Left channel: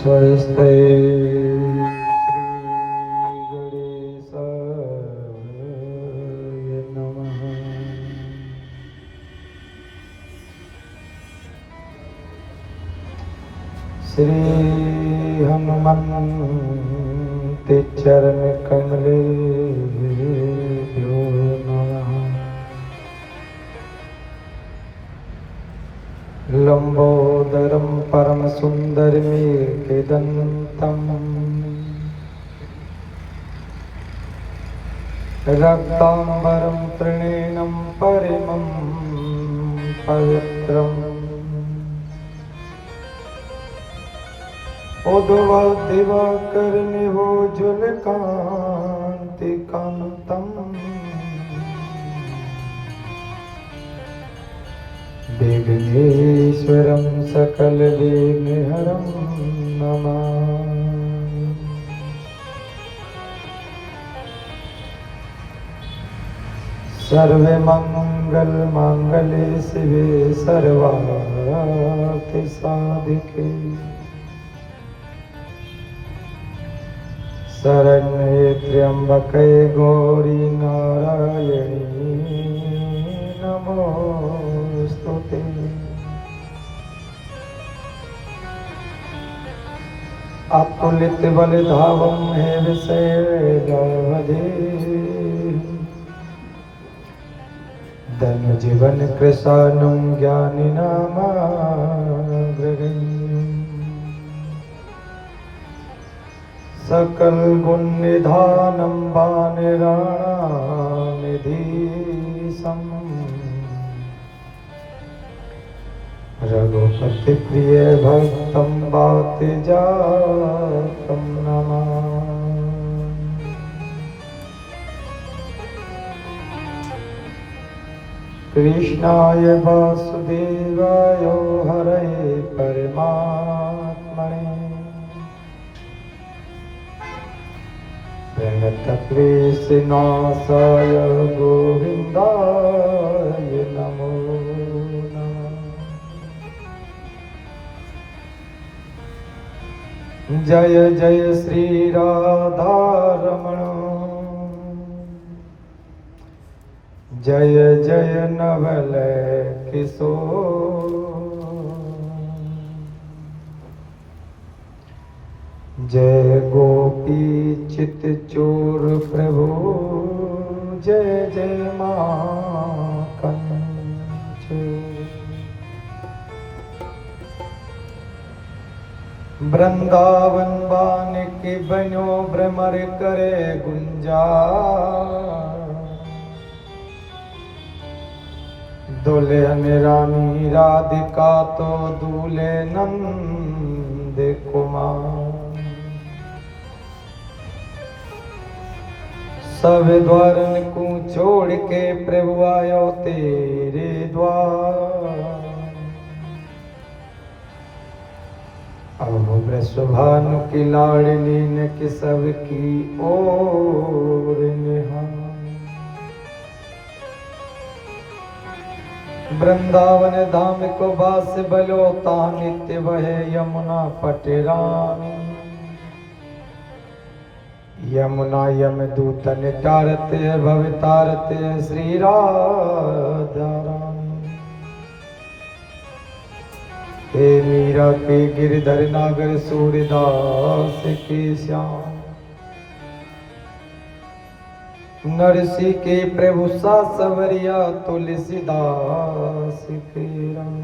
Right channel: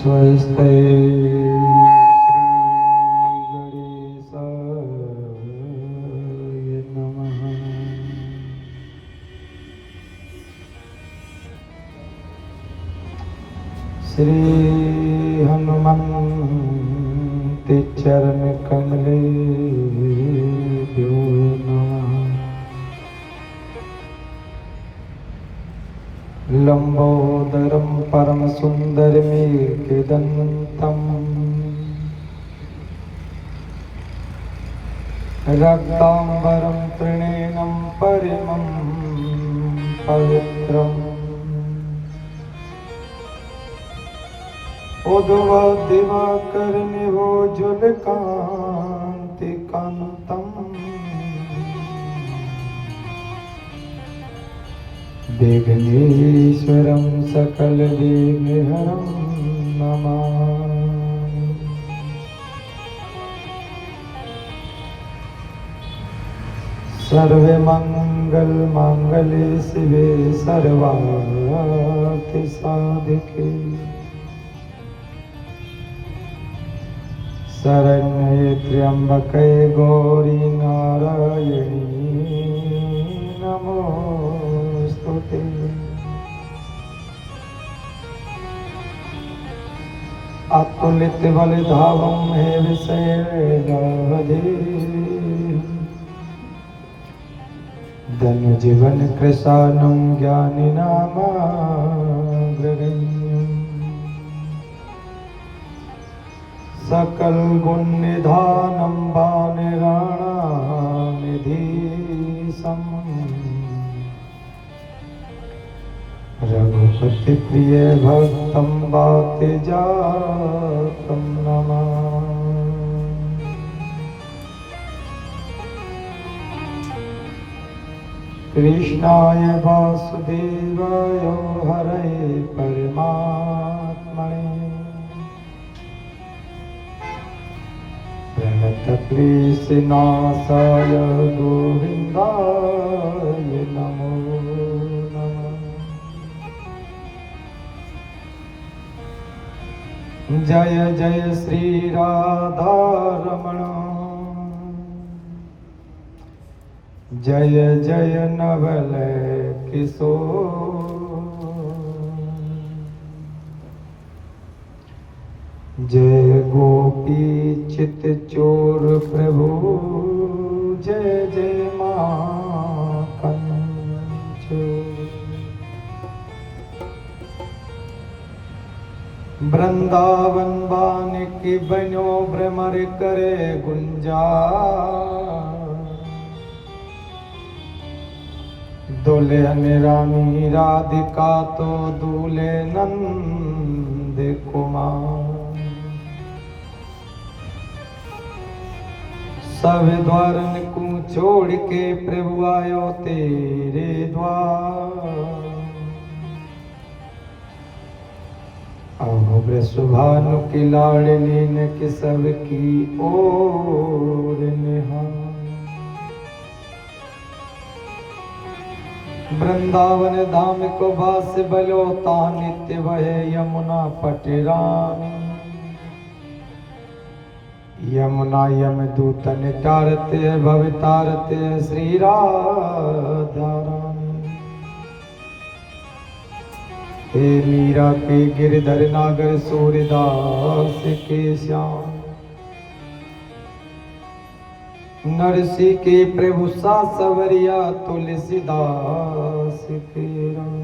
स्वस्ते श्री हनुमन्ते चरण कमले लंबोदरम परम सुंदरमेकदंतम रक्तांबरम त्रिनयनं परिमं पवित्रम् उद्भवदिवाकरनिभोजुलकान्तिकान्तम् विघ्नेश्वरं सकलविघ्नहरं नमामि। सर्वमङ्गलमाङ्गल्ये शिवे सर्वार्थसाधिके शरण्ये त्र्यंबके गौरी नारायणी नमोस्तुते। अतुलित बलधावं हेमशैलधे धनुजीवन कृशानं ज्ञानिनामाग्रगण्यम् सकल गुण निधानं वानराणानिधीशम् रघुपति प्रिय भक्तं वातजातं नमामि। कृष्णाय वासुदेवाय हरये परमात्मने प्रणतक्लेशनाशाय गोविन्दाय नमो नमः। जय जय श्री राधारमण जय जय नवल किशोर जय गोपी चित चोर प्रभु जय जय माखनचोर। वृंदावन बानिकी बनो भ्रमर करे गुंजा दुल्हन रानी राधिका तो दूल्हे नंद कुमार। सब द्वारन को छोड़ के प्रभु आयो तेरे द्वार। अब वृषभानु की लाडली ने कि सबकी ओर निहार। वृंदावन धाम को बास बलोता नित्य बहे यमुना पटरानी। यमुना यम दूतन तारते भवितारते श्री राधा। हे मीरा के गिरधर नागर सूर्यदास के श्याम। नरसी के प्रभु सा सवरिया तुलसीदास के राम।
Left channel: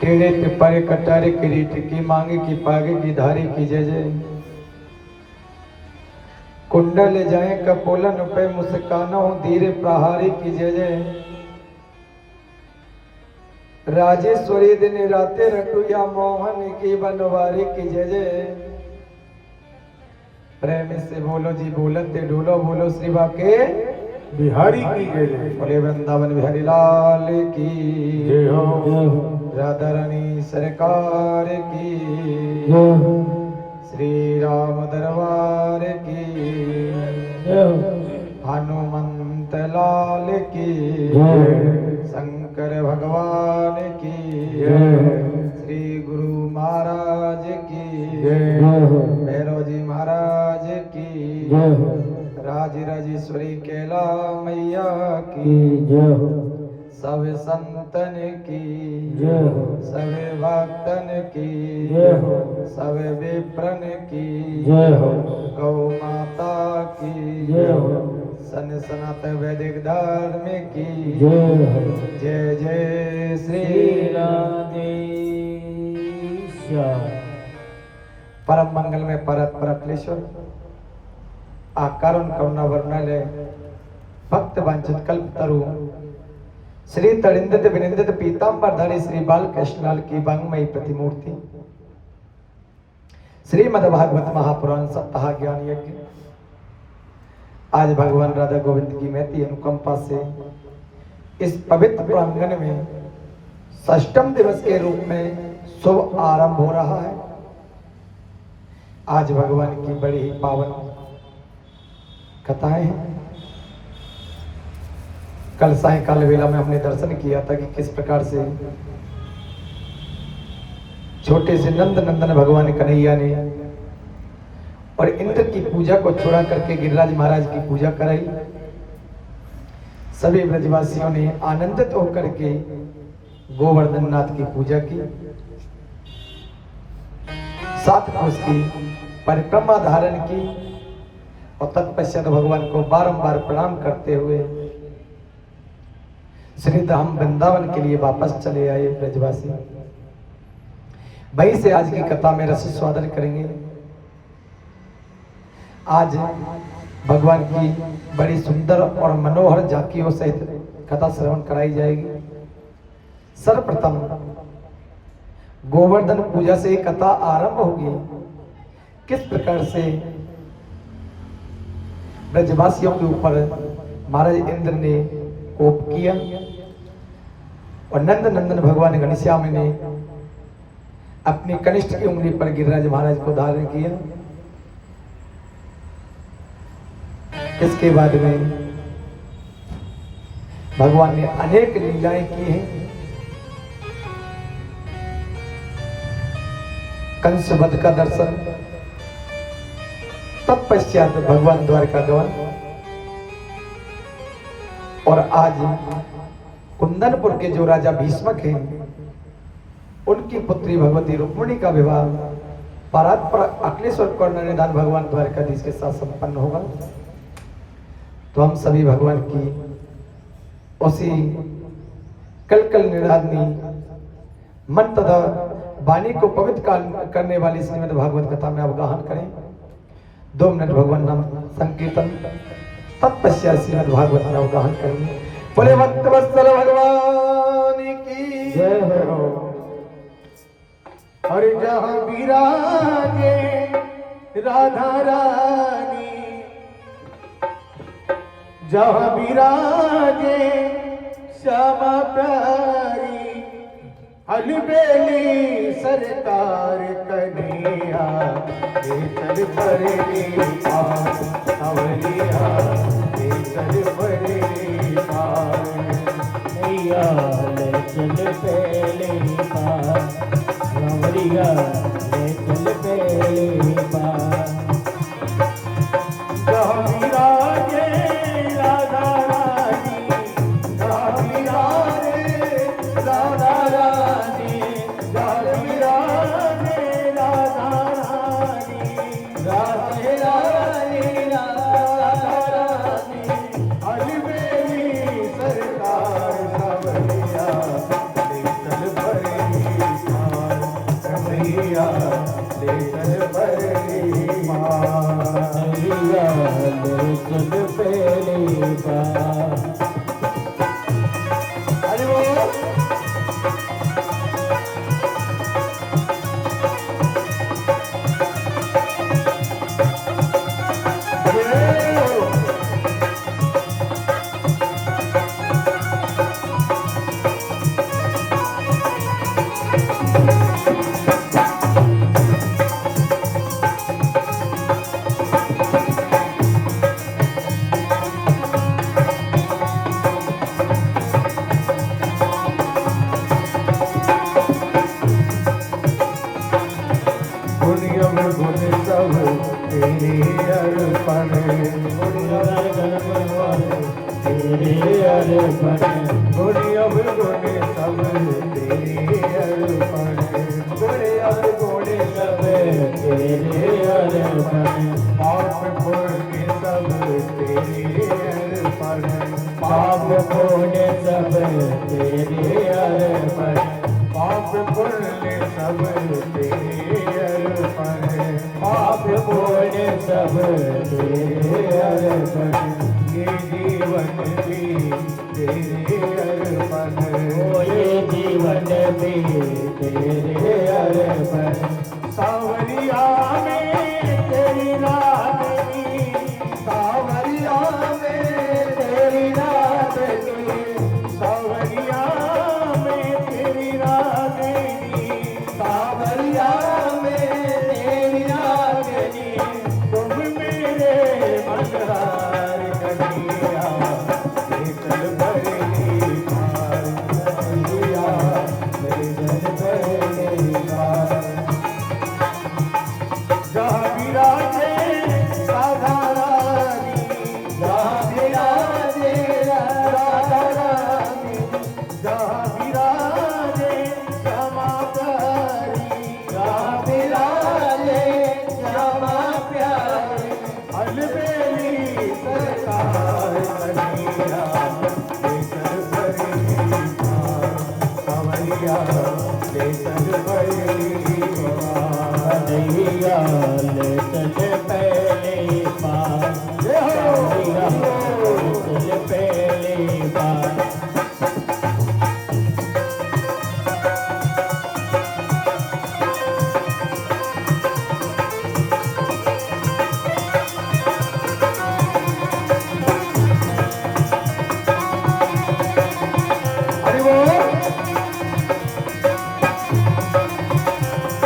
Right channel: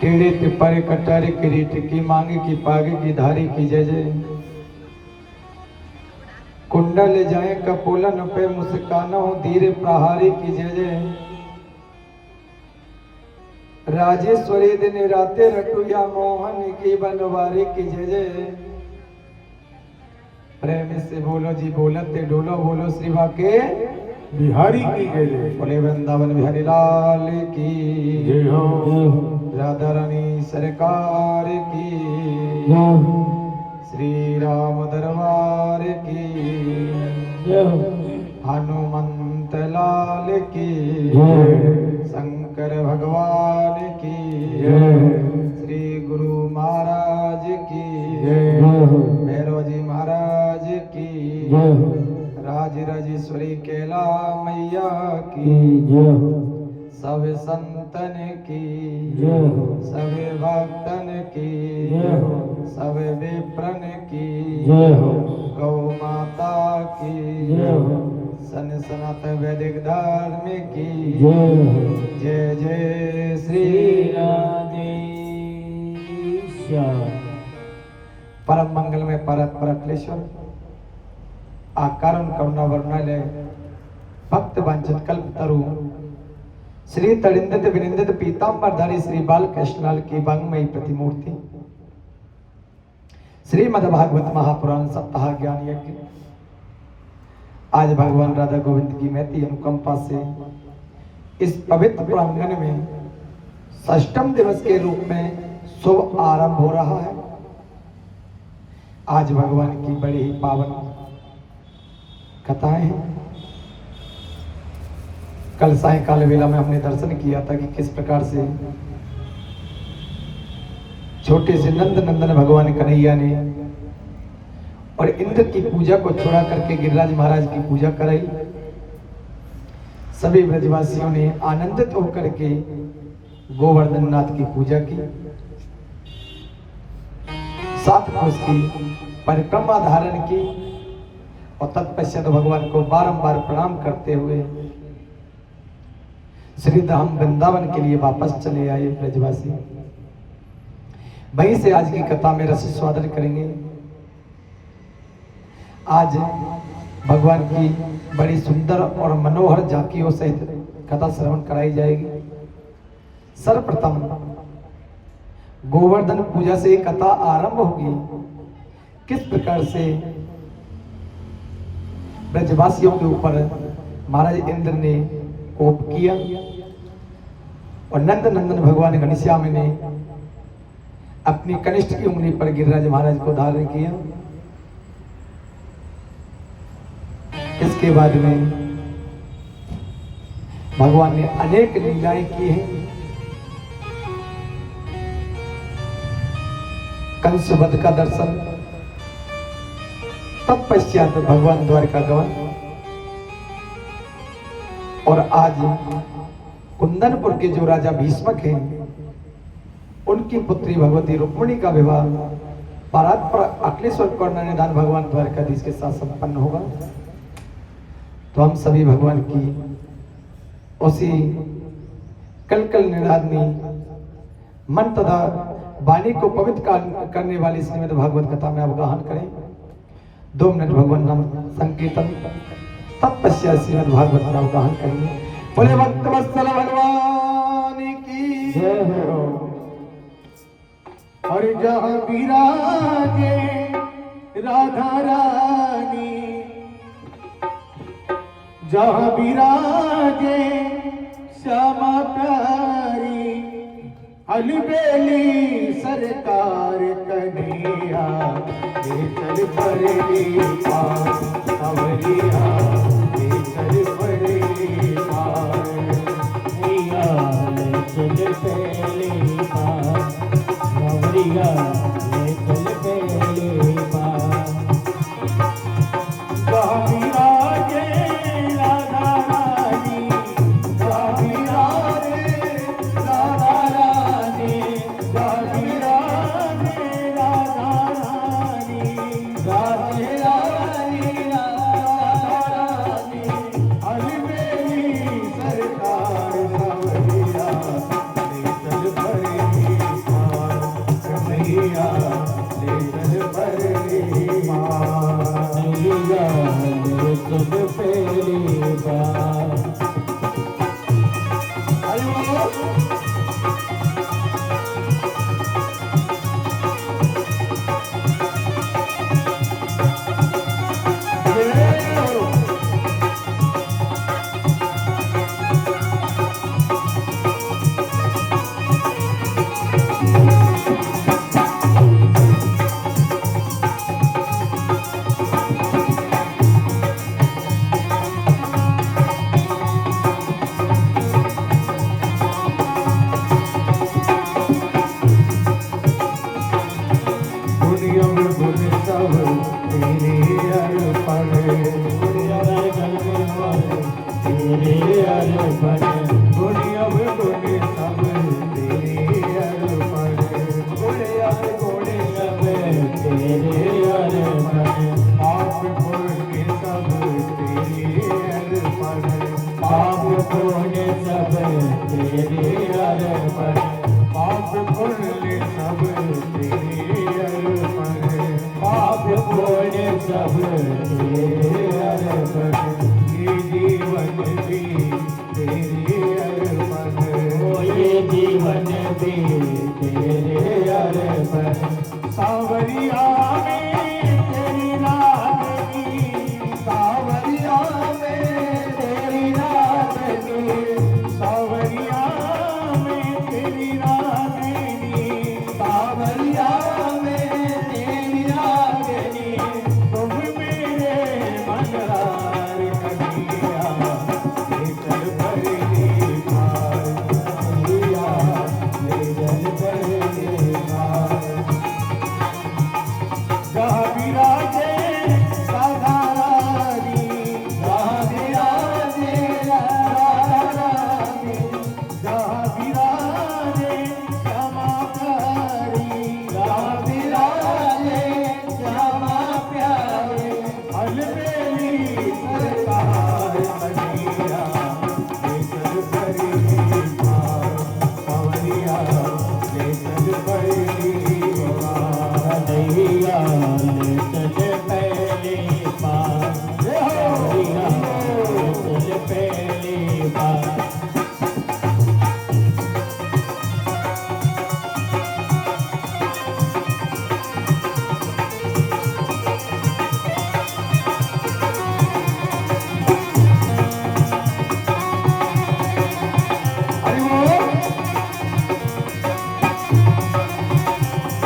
टेढ़े पिपर कटार किरीट की मांग की पाग की धारी की जय जय। कुंडल जाए कपोलन पे मुस्कानो धीरे प्रहारी की जय जय। राजेश्वरी दिन राते रखुया मोहन की बनवारी की जय जय। प्रेम से बोलो जी बोलते ढोलो बोलो श्री बाके बिहारी की जय। बोले वृंदावन बिहारी लाल की जय हो। राधा रानी सरकार की श्री राम दरबार की हनुमंत लाल की शंकर भगवान की श्री गुरु कैला मैया की की जय हो सब संतन की जय हो सब भक्तन की जय हो सब विप्रन की जय हो गौ माता की जय हो सन सनातन वैदिक धर्म की जय हो जय जय श्री परम मंगल में परत परक्लेश्वर आकारण करुणा वर्णालय भक्त वांछित कल्प तरु श्री तड़िंदित विनिंदित पीतांबरधारी श्री बाल कृष्णलाल की वांगमयी प्रतिमूर्ति श्रीमद् भागवत महापुराण सप्ताह ज्ञान यज्ञ आज भगवान राधा गोविंद की महती अनुकंपा से इस पवित्र प्रांगण में षष्ठम दिवस के रूप में शुभ आरंभ हो रहा है। आज भगवान की बड़ी ही पावन कथाएं हैं। कल सायकाल वेला में हमने दर्शन किया था कि किस प्रकार से छोटे से नंद नंदन भगवान कन्हैया ने और इंद्र की पूजा को छोड़ा करके गिरिराज महाराज की पूजा कराई। सभी ब्रजवासियों ने आनंदित होकर के गोवर्धन नाथ की पूजा की, साथ में उसकी परिक्रमा धारण की और तत्पश्चात भगवान को बारंबार प्रणाम करते हुए श्री धाम वृंदावन के लिए वापस चले आए ब्रजवासी। वहीं से आज की कथा में रस स्वादन करेंगे। आज भगवान की बड़ी सुंदर और मनोहर झांकियों सहित कथा श्रवण कराई जाएगी। सर्वप्रथम गोवर्धन पूजा से कथा आरंभ होगी। किस प्रकार से ब्रजवासियों के ऊपर महाराज इंद्र ने कोप किया और नंद नंदन भगवान घनश्याम ने अपनी कनिष्ठ की उंगली पर गिरिराज महाराज को धारण किया। इसके बाद में भगवान ने अनेक लीलाएं की हैं। कंस वध का दर्शन, तत्पश्चात भगवान द्वारका गमन और आज कुंदनपुर के जो राजा भीष्मक हैं उनकी पुत्री भगवती रुक्मिणी का विवाह परात्पर अखिलेश्वर करुणानिधान भगवान द्वारकाधीश के साथ संपन्न होगा। तो हम सभी भगवान की उसी कल निराधनी मन तथा वाणी को पवित्र करने वाली श्रीमद् भागवत कथा में अवगाहन करें। 2 मिनट भगवान नाम संकीर्तन, तत्पश्चात श्रीमद् भागवत में अवगाहन करेंगे। बोले भक्त वत्सल भगवान की जय हो। अरे जहाँ विराजे राधा रानी, जहाँ विराजे श्यामा प्यारी, अलबेली सरकार कन्हैया, चल परे सावलिया, चल परे मैया, चल पहले सावलिया, चल पहले तेरे अर्पण गुण अवगुण सब तेरे अर्पण गुण अवगुण सब तेरे अर्पण पाप पुण्य सब तेरे अर्पण पाप पुण्य सब तेरे अर्पण पाप पुण्य सब तेरे अर्पण पाप पुण्य सब तेरे अर्पण ये जीवन भी तेरे अर्पण ये जीवन भी तेरे अर्पण सावरिया में तेरी राधनी सावरिया में तेरी राधनी सावरिया में तेरी राधनी सावरिया में तेरी राधनी तुम मेरे मनहार कन्हैया लेकर भरने पार कन्हैया लेकर भरने पार जहाँ विराजे राधा रानी जहाँ विराजे राधा रानी जहाँ विराजे श्यामा प्यारी जहाँ विराजे श्यामा प्यारी अलबेली सरकार कन्हैया लेकर भरने पार सावरिया लेकर भरने पार कन्हैया लेकर पहले पार कन्हैया लेकर पहले पार हरि बोल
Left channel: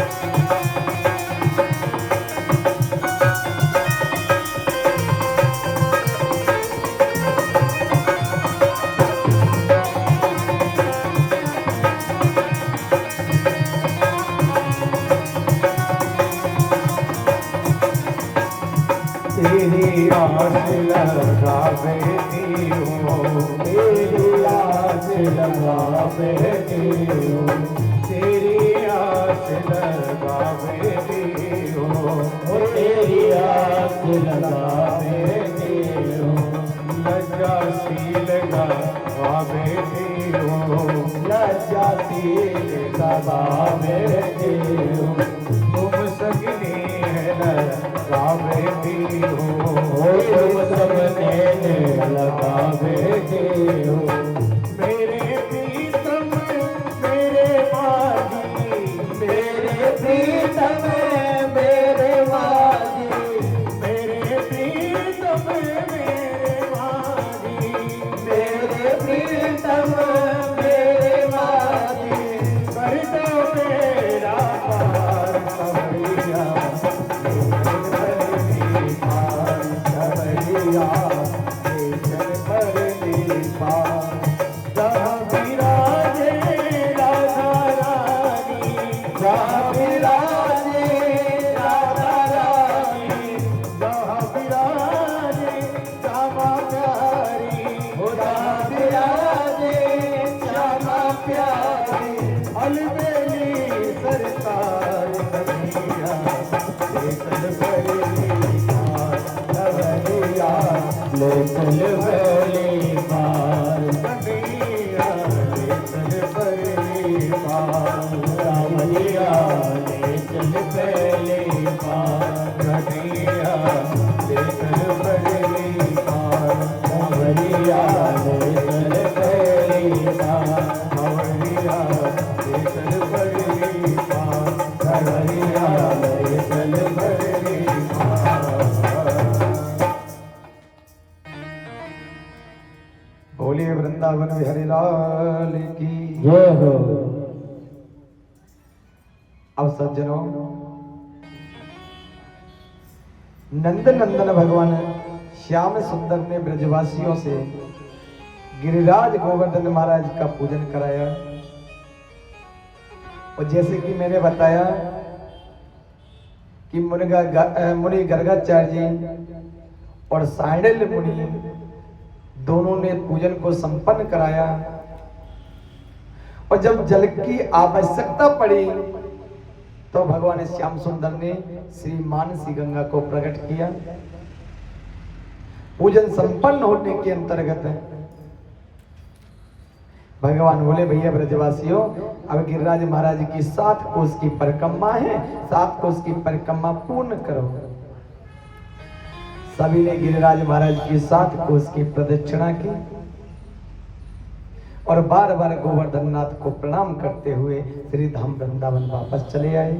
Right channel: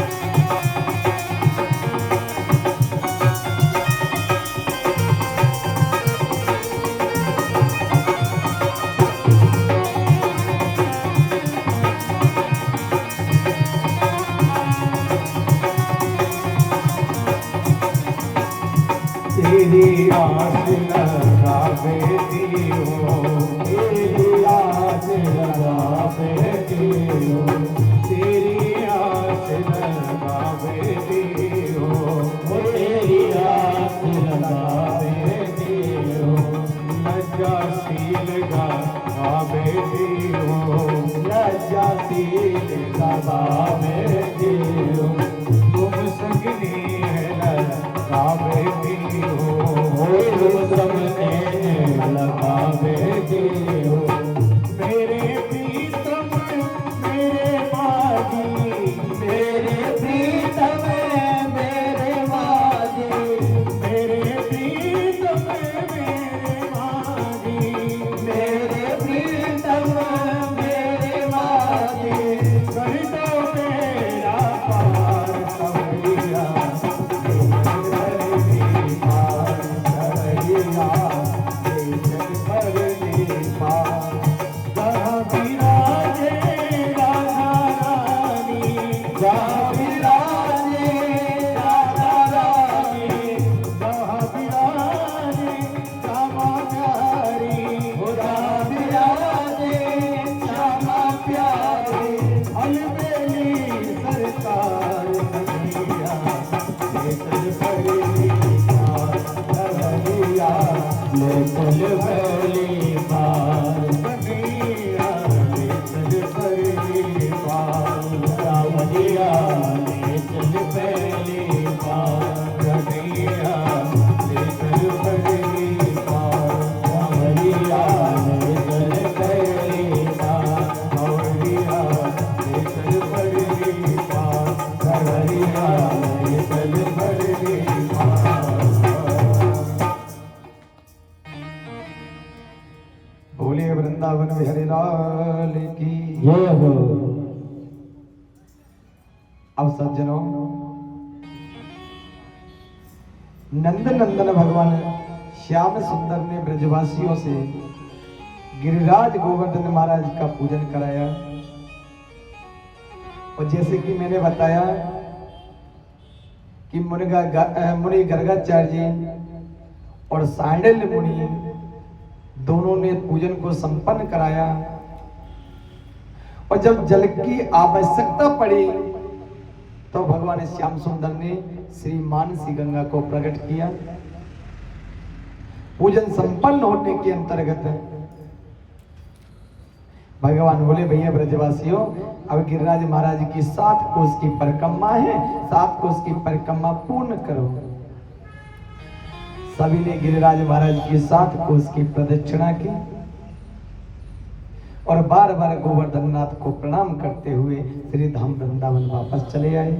तेरी आस लगा बैठी हो तेरी आस लगा बैठी हो तेरी आस लगा बैठी हो तेरी आस लगा बैठी हो लज्जा सी लगा बैठी हो लज्जा सी लगा बैठी हो तुम सगनी लगा बैठी हो तुम सगने लगा बैठी हो मेरे प्रीतम मेरे माही मेरे प्रीतम मेरे माही मेरे प्रीतम मेरे माही मेरे प्रीतम मेरे माही कर दो मेरा प्यार सवरिया लेकर भरने पार सवरिया लेकर भरने पार जहाँ विराजे राधा रानी जहाँ विराजे राधा रानी जहाँ विराजे श्यामा प्यारी जहाँ विराजे श्यामा प्यारी अलबेली सरकार कन्हैया लेकर भरने पार सवरिया लेकर भरने पार कन्हैया लेकर भरने पार सावरिया लेकर पहले पार कन्हैया लेकर भरने पार सावरिया लेकर पहले पार सावरिया लेकर भरने पार सावरिया लेकर भरने पार बोलिए वृंदावन बिहारी लाल की जय हो अब सज्जनों नंद नंदन भगवान श्याम सुंदर ने ब्रजवासियों से गिरिराज गोवर्धन महाराज का पूजन कराया और जैसे कि मैंने बताया कि मुनि गर्गाचार्य जी और सांडिल्य मुनि दोनों ने पूजन को संपन्न कराया और जब जल की आवश्यकता पड़ी तो भगवान श्याम सुंदर ने श्री मानसी गंगा को प्रकट किया। पूजन संपन्न होने के अंतर्गत भगवान बोले भैया ब्रजवासियों, अब गिरिराज महाराज की 7 कोस की परिक्रमा है, 7 कोस की परिक्रमा पूर्ण करो। सभी ने गिरिराज महाराज की 7 कोस की प्रदक्षिणा की और बार बार गोवर्धन नाथ को प्रणाम करते हुए श्री धाम वृंदावन वापस चले आए।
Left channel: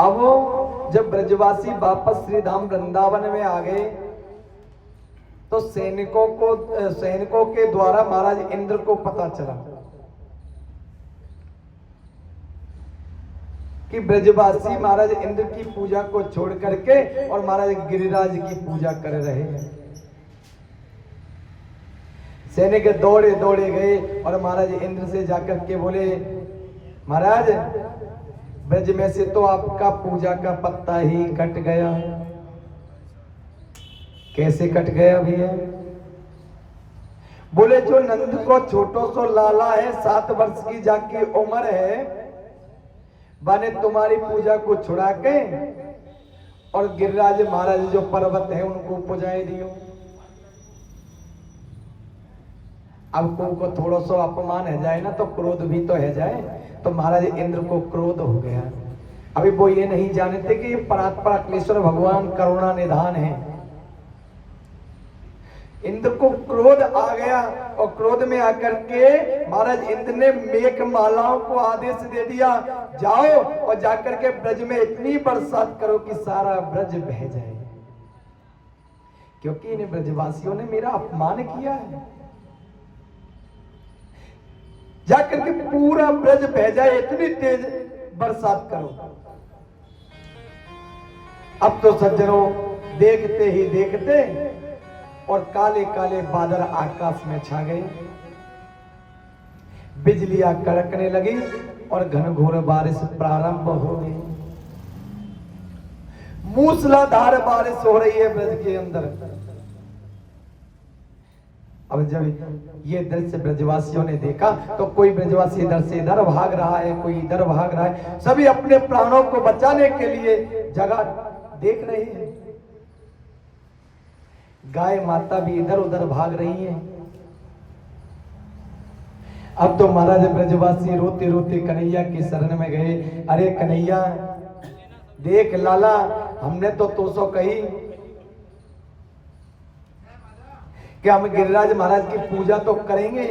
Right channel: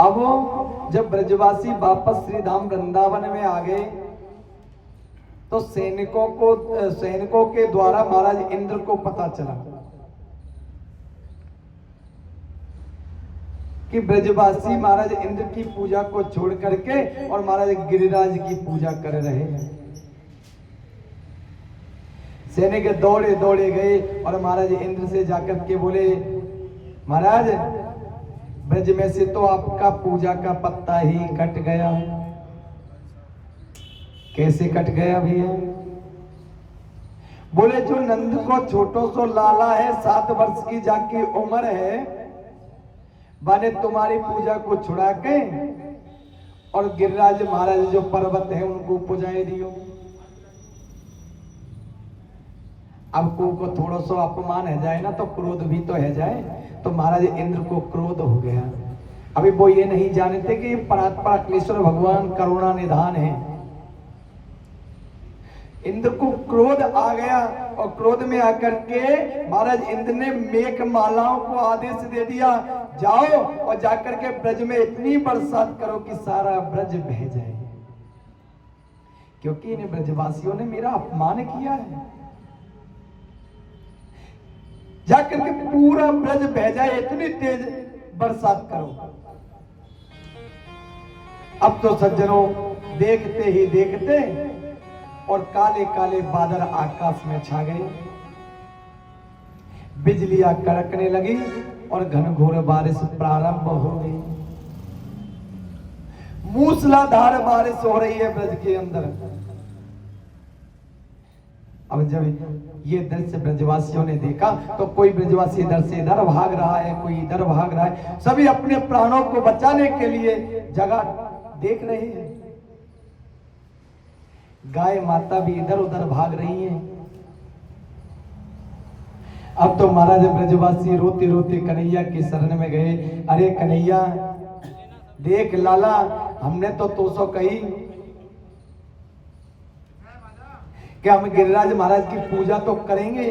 अब जब ब्रजवासी वापस श्री धाम वृंदावन में आ गए तो सैनिकों के द्वारा महाराज इंद्र को पता चला कि ब्रजवासी महाराज इंद्र की पूजा को छोड़ करके और महाराज गिरिराज की पूजा कर रहे हैं। सैनिक दौड़े दौड़े गए और महाराज इंद्र से जाकर के बोले, महाराज ब्रज में से तो आपका पूजा का पत्ता ही कट गया। कैसे कट गया भैया? बोले जो नंद को छोटो सो लाला है, 7 वर्ष की जाकी उम्र है, बने तुम्हारी पूजा को छुड़ा के और गिरिराज महाराज जो पर्वत है उनको पुजाए दियो। अब को थोड़ा सा अपमान है जाए ना तो क्रोध भी तो है जाए, तो महाराज इंद्र को क्रोध हो गया। अभी वो ये नहीं जानते कि परात्पर अखिलेश्वर भगवान करुणा निधान है। इंद्र को क्रोध आ गया और क्रोध में आकर के महाराज इंद्र ने मेघ मालाओं को आदेश दे दिया, जाओ और जाकर के ब्रज में इतनी बरसात करो कि सारा ब्रज बह जाए, क्योंकि इन ब्रजवासियों ने मेरा अपमान किया है। जाकर के पूरा ब्रज बह जाए, इतनी तेज बरसात करो। अब तो सज्जनों देखते ही देखते और काले काले बादल आकाश में छा गए, बिजलियां कड़कने लगी और घनघोर बारिश प्रारंभ हो गई। मूसलाधार बारिश हो रही है ब्रज के अंदर। अब जब ये दृश्य ब्रजवासियों ने देखा तो कोई ब्रजवासी इधर से इधर भाग रहा है, कोई इधर भाग रहा है, सभी अपने प्राणों को बचाने के लिए जगह देख रहे हैं। गाय माता भी इधर उधर भाग रही है। अब तो महाराज ब्रजवासी रोते रोते कन्हैया की शरण में गए। अरे कन्हैया देख लाला, हमने तो 200 कही कि हम गिरिराज महाराज की पूजा तो करेंगे,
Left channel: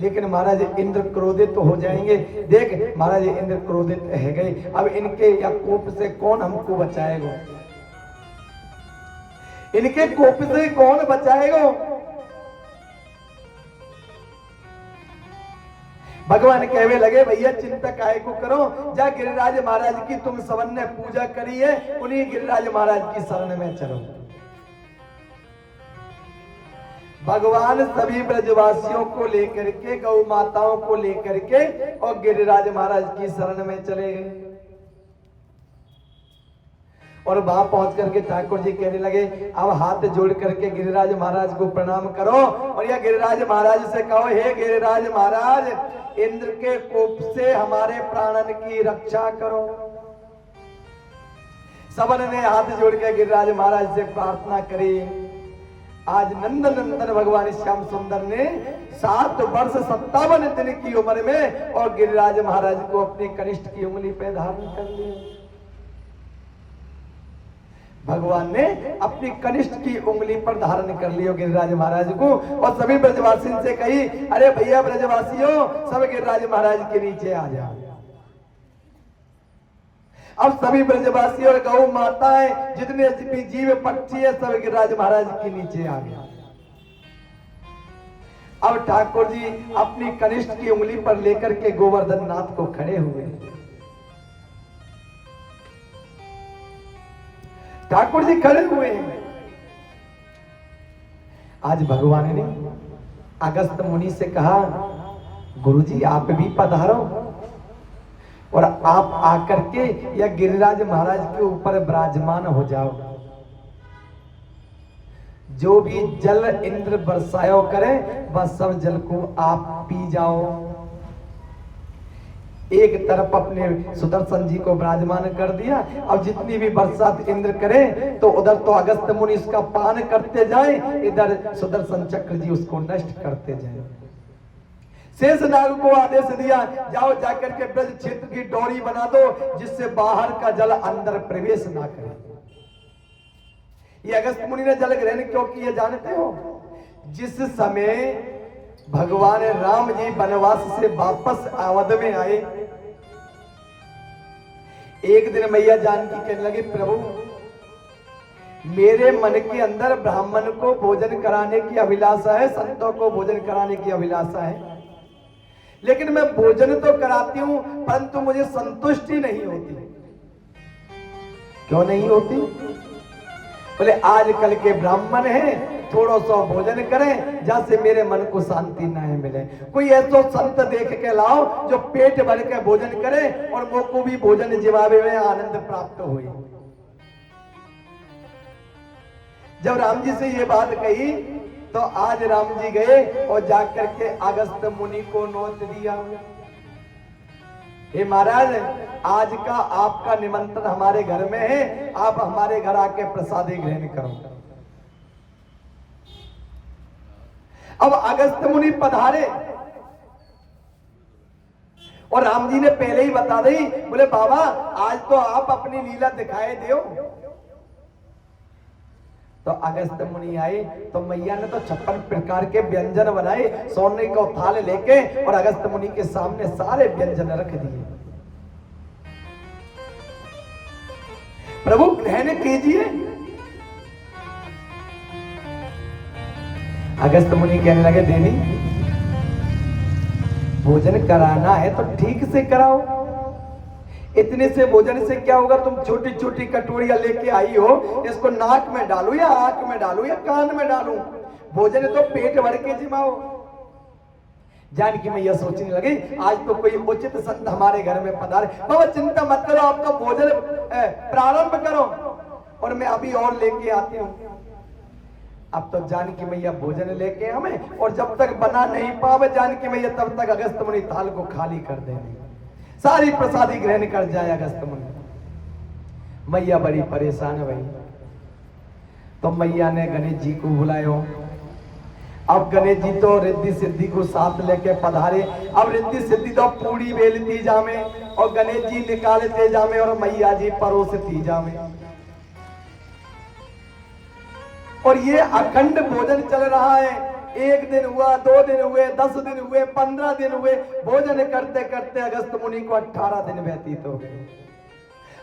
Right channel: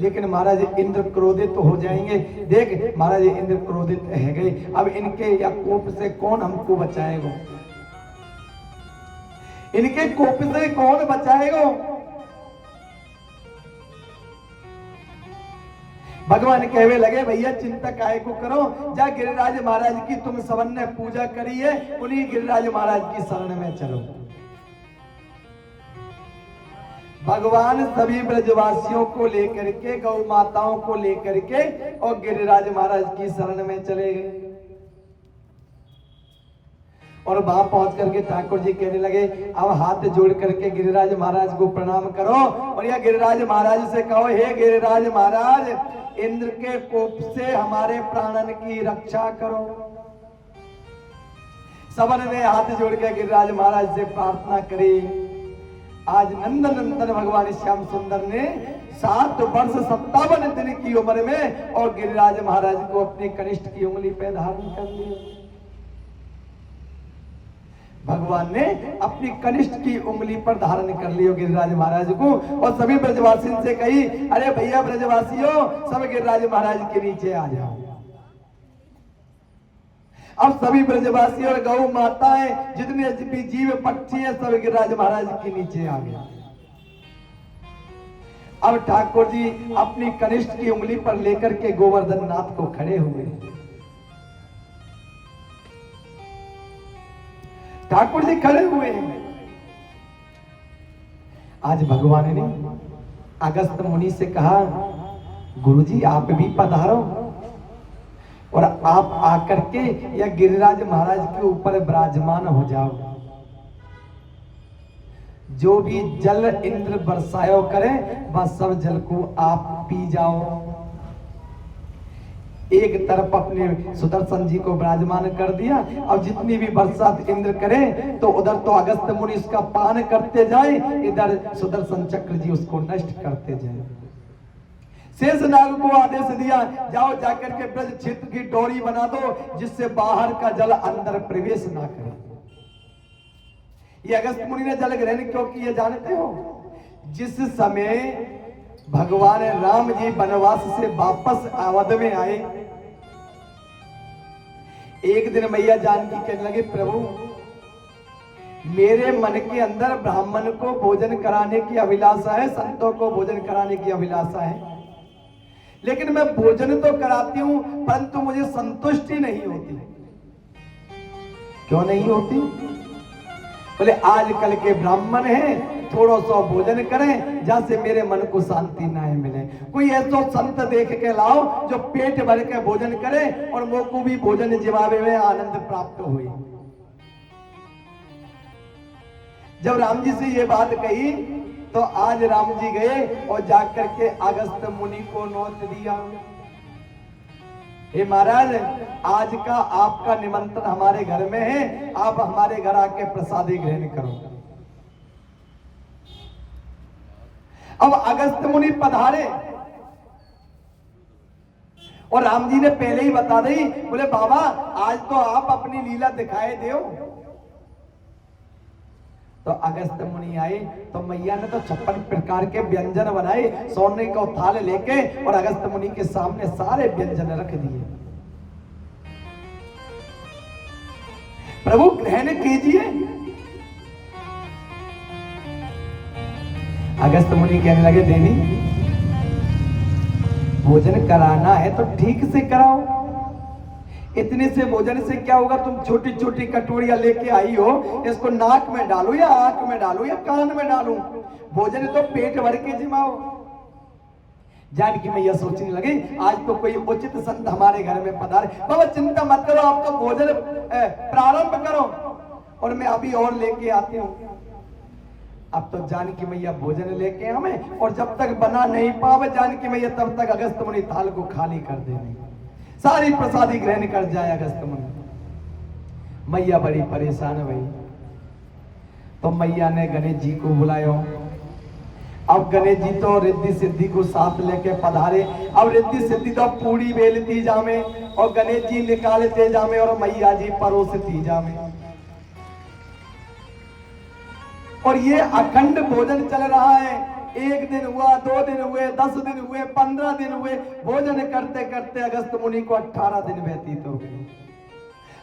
लेकिन महाराज इंद्र क्रोधित हो जाएंगे। देख महाराज इंद्र क्रोधित है गए, अब इनके या कोप से कौन हमको बचाएगा? इनके कोप से कौन बचाएगा? भगवान कहवे लगे, भैया चिंता काहे को करो, जा गिरिराज महाराज की तुम सबन ने पूजा करी है, उन्हीं गिरिराज महाराज की शरण में चलो। भगवान सभी ब्रजवासियों को लेकर के, गौ माताओं को लेकर के और गिरिराज महाराज की शरण में चले गए। और वहां पहुंच करके ठाकुर जी कहने लगे, अब हाथ जोड़ करके गिरिराज महाराज को प्रणाम करो और यह गिरिराज महाराज से कहो, हे गिरिराज महाराज, इंद्र के कोप से हमारे प्राणन की रक्षा करो। सबन ने हाथ जोड़ के गिरिराज महाराज से प्रार्थना करी। आज नंद नंदन भगवान श्याम सुंदर ने 7 वर्ष 57 दिन की उम्र में और गिरिराज महाराज को अपने कनिष्ठ की उंगली पे धारण कर लिया। भगवान ने अपनी कनिष्ठ की उंगली पर धारण कर लिया गिरिराज महाराज को और सभी ब्रजवासी से कही, अरे भैया ब्रजवासियों, सब गिरिराज महाराज के नीचे आ जाओ। अब सभी ब्रजवासी और गौ माताएं, जितने भी जीव पक्षी है, सब गिरिराज महाराज के नीचे आ गए। अब ठाकुर जी अपनी कनिष्ठ की उंगली पर लेकर के गोवर्धन नाथ को खड़े हुए। ठाकुर जी खड़े हुए हैं। आज भगवान ने अगस्त मुनि से कहा, गुरुजी आप भी पधारो और आप आकर के या गिरिराज महाराज के ऊपर विराजमान हो जाओ। जो भी जल इंद्र बरसायो करे वह सब जल को आप पी जाओ। एक तरफ अपने सुदर्शन जी को विराजमान कर दिया, अब जितनी भी बरसात इंद्र करे तो उधर तो अगस्त मुनि इसका पान करते जाए, इधर सुदर्शन चक्र जी उसको नष्ट करते जाए। शेषनाग को आदेश दिया, जाओ जाकर के ब्रज क्षेत्र की डोरी बना दो जिससे बाहर का जल अंदर प्रवेश ना करे। ये अगस्त मुनि ने जल ग्रहण क्यों किया जानते हो? जिस समय भगवान राम जी वनवास से वापस अवध में आए, एक दिन मैया जानकी कहने लगे, प्रभु मेरे मन के अंदर ब्राह्मण को भोजन कराने की अभिलाषा है, संतों को भोजन कराने की अभिलाषा है, लेकिन मैं भोजन तो कराती हूं परंतु मुझे संतुष्टि नहीं होती। क्यों नहीं होती? बोले आजकल के ब्राह्मण हैं, थोड़ा सा भोजन करें जहां से मेरे मन को शांति ना मिले। कोई ऐसा संत देख के लाओ जो पेट भर के भोजन करे और मुझ को भी भोजन जिवावे में आनंद प्राप्त हुए। जब राम जी से ये बात कही तो आज राम जी गए और जाकर के अगस्त मुनि को नोट दिया, हे महाराज आज का आपका निमंत्रण हमारे घर में है, आप हमारे घर आके प्रसादी ग्रहण करो। अब अगस्त मुनि पधारे और राम जी ने पहले ही बता दी, बोले बाबा आज तो आप अपनी लीला दिखाए दो। तो अगस्त मुनि आए तो मैया ने तो 56 प्रकार के व्यंजन बनाए, सोने का थाल लेके और अगस्त मुनि के सामने सारे व्यंजन रख दिए। प्रभु ग्रहण कीजिए। अगस्त मुनि कहने लगे, देवी भोजन कराना है तो ठीक से कराओ, इतने से भोजन से क्या होगा? तुम छोटी छोटी कटोरियां लेके आई हो, इसको नाक में डालू या आंख में डालू या कान में डालू? भोजन तो पेट भर के जिमाओ। जानकी मैया सोचने लगे आज तो कोई उचित संत हमारे घर में पधारे। बाबा चिंता मत करो, आप तो भोजन प्रारंभ करो और मैं अभी और लेके आती हूँ। अब तो जानकी मैया भोजन लेके हमें, और जब तक बना नहीं पावे जानकी मैया तब तक अगस्त मुनि थाल को खाली कर देंगे, सारी प्रसादी ग्रहण कर जाए अगस्त मुनि। मैया बड़ी परेशान हुई तो मैया ने गणेश जी को बुलाया। अब गणेश जी तो रिद्धि सिद्धि को साथ लेके पधारे। अब रिद्धि सिद्धि तो पूरी बेलती जामे और गणेश जी निकालते जामे और मैया जी परोसती जामे, और ये अखंड भोजन चल रहा है। 1 दिन हुआ, 2 दिन हुए, 10 दिन हुए, 15 दिन हुए, भोजन करते करते अगस्त मुनि को 18 दिन व्यतीत हो गए।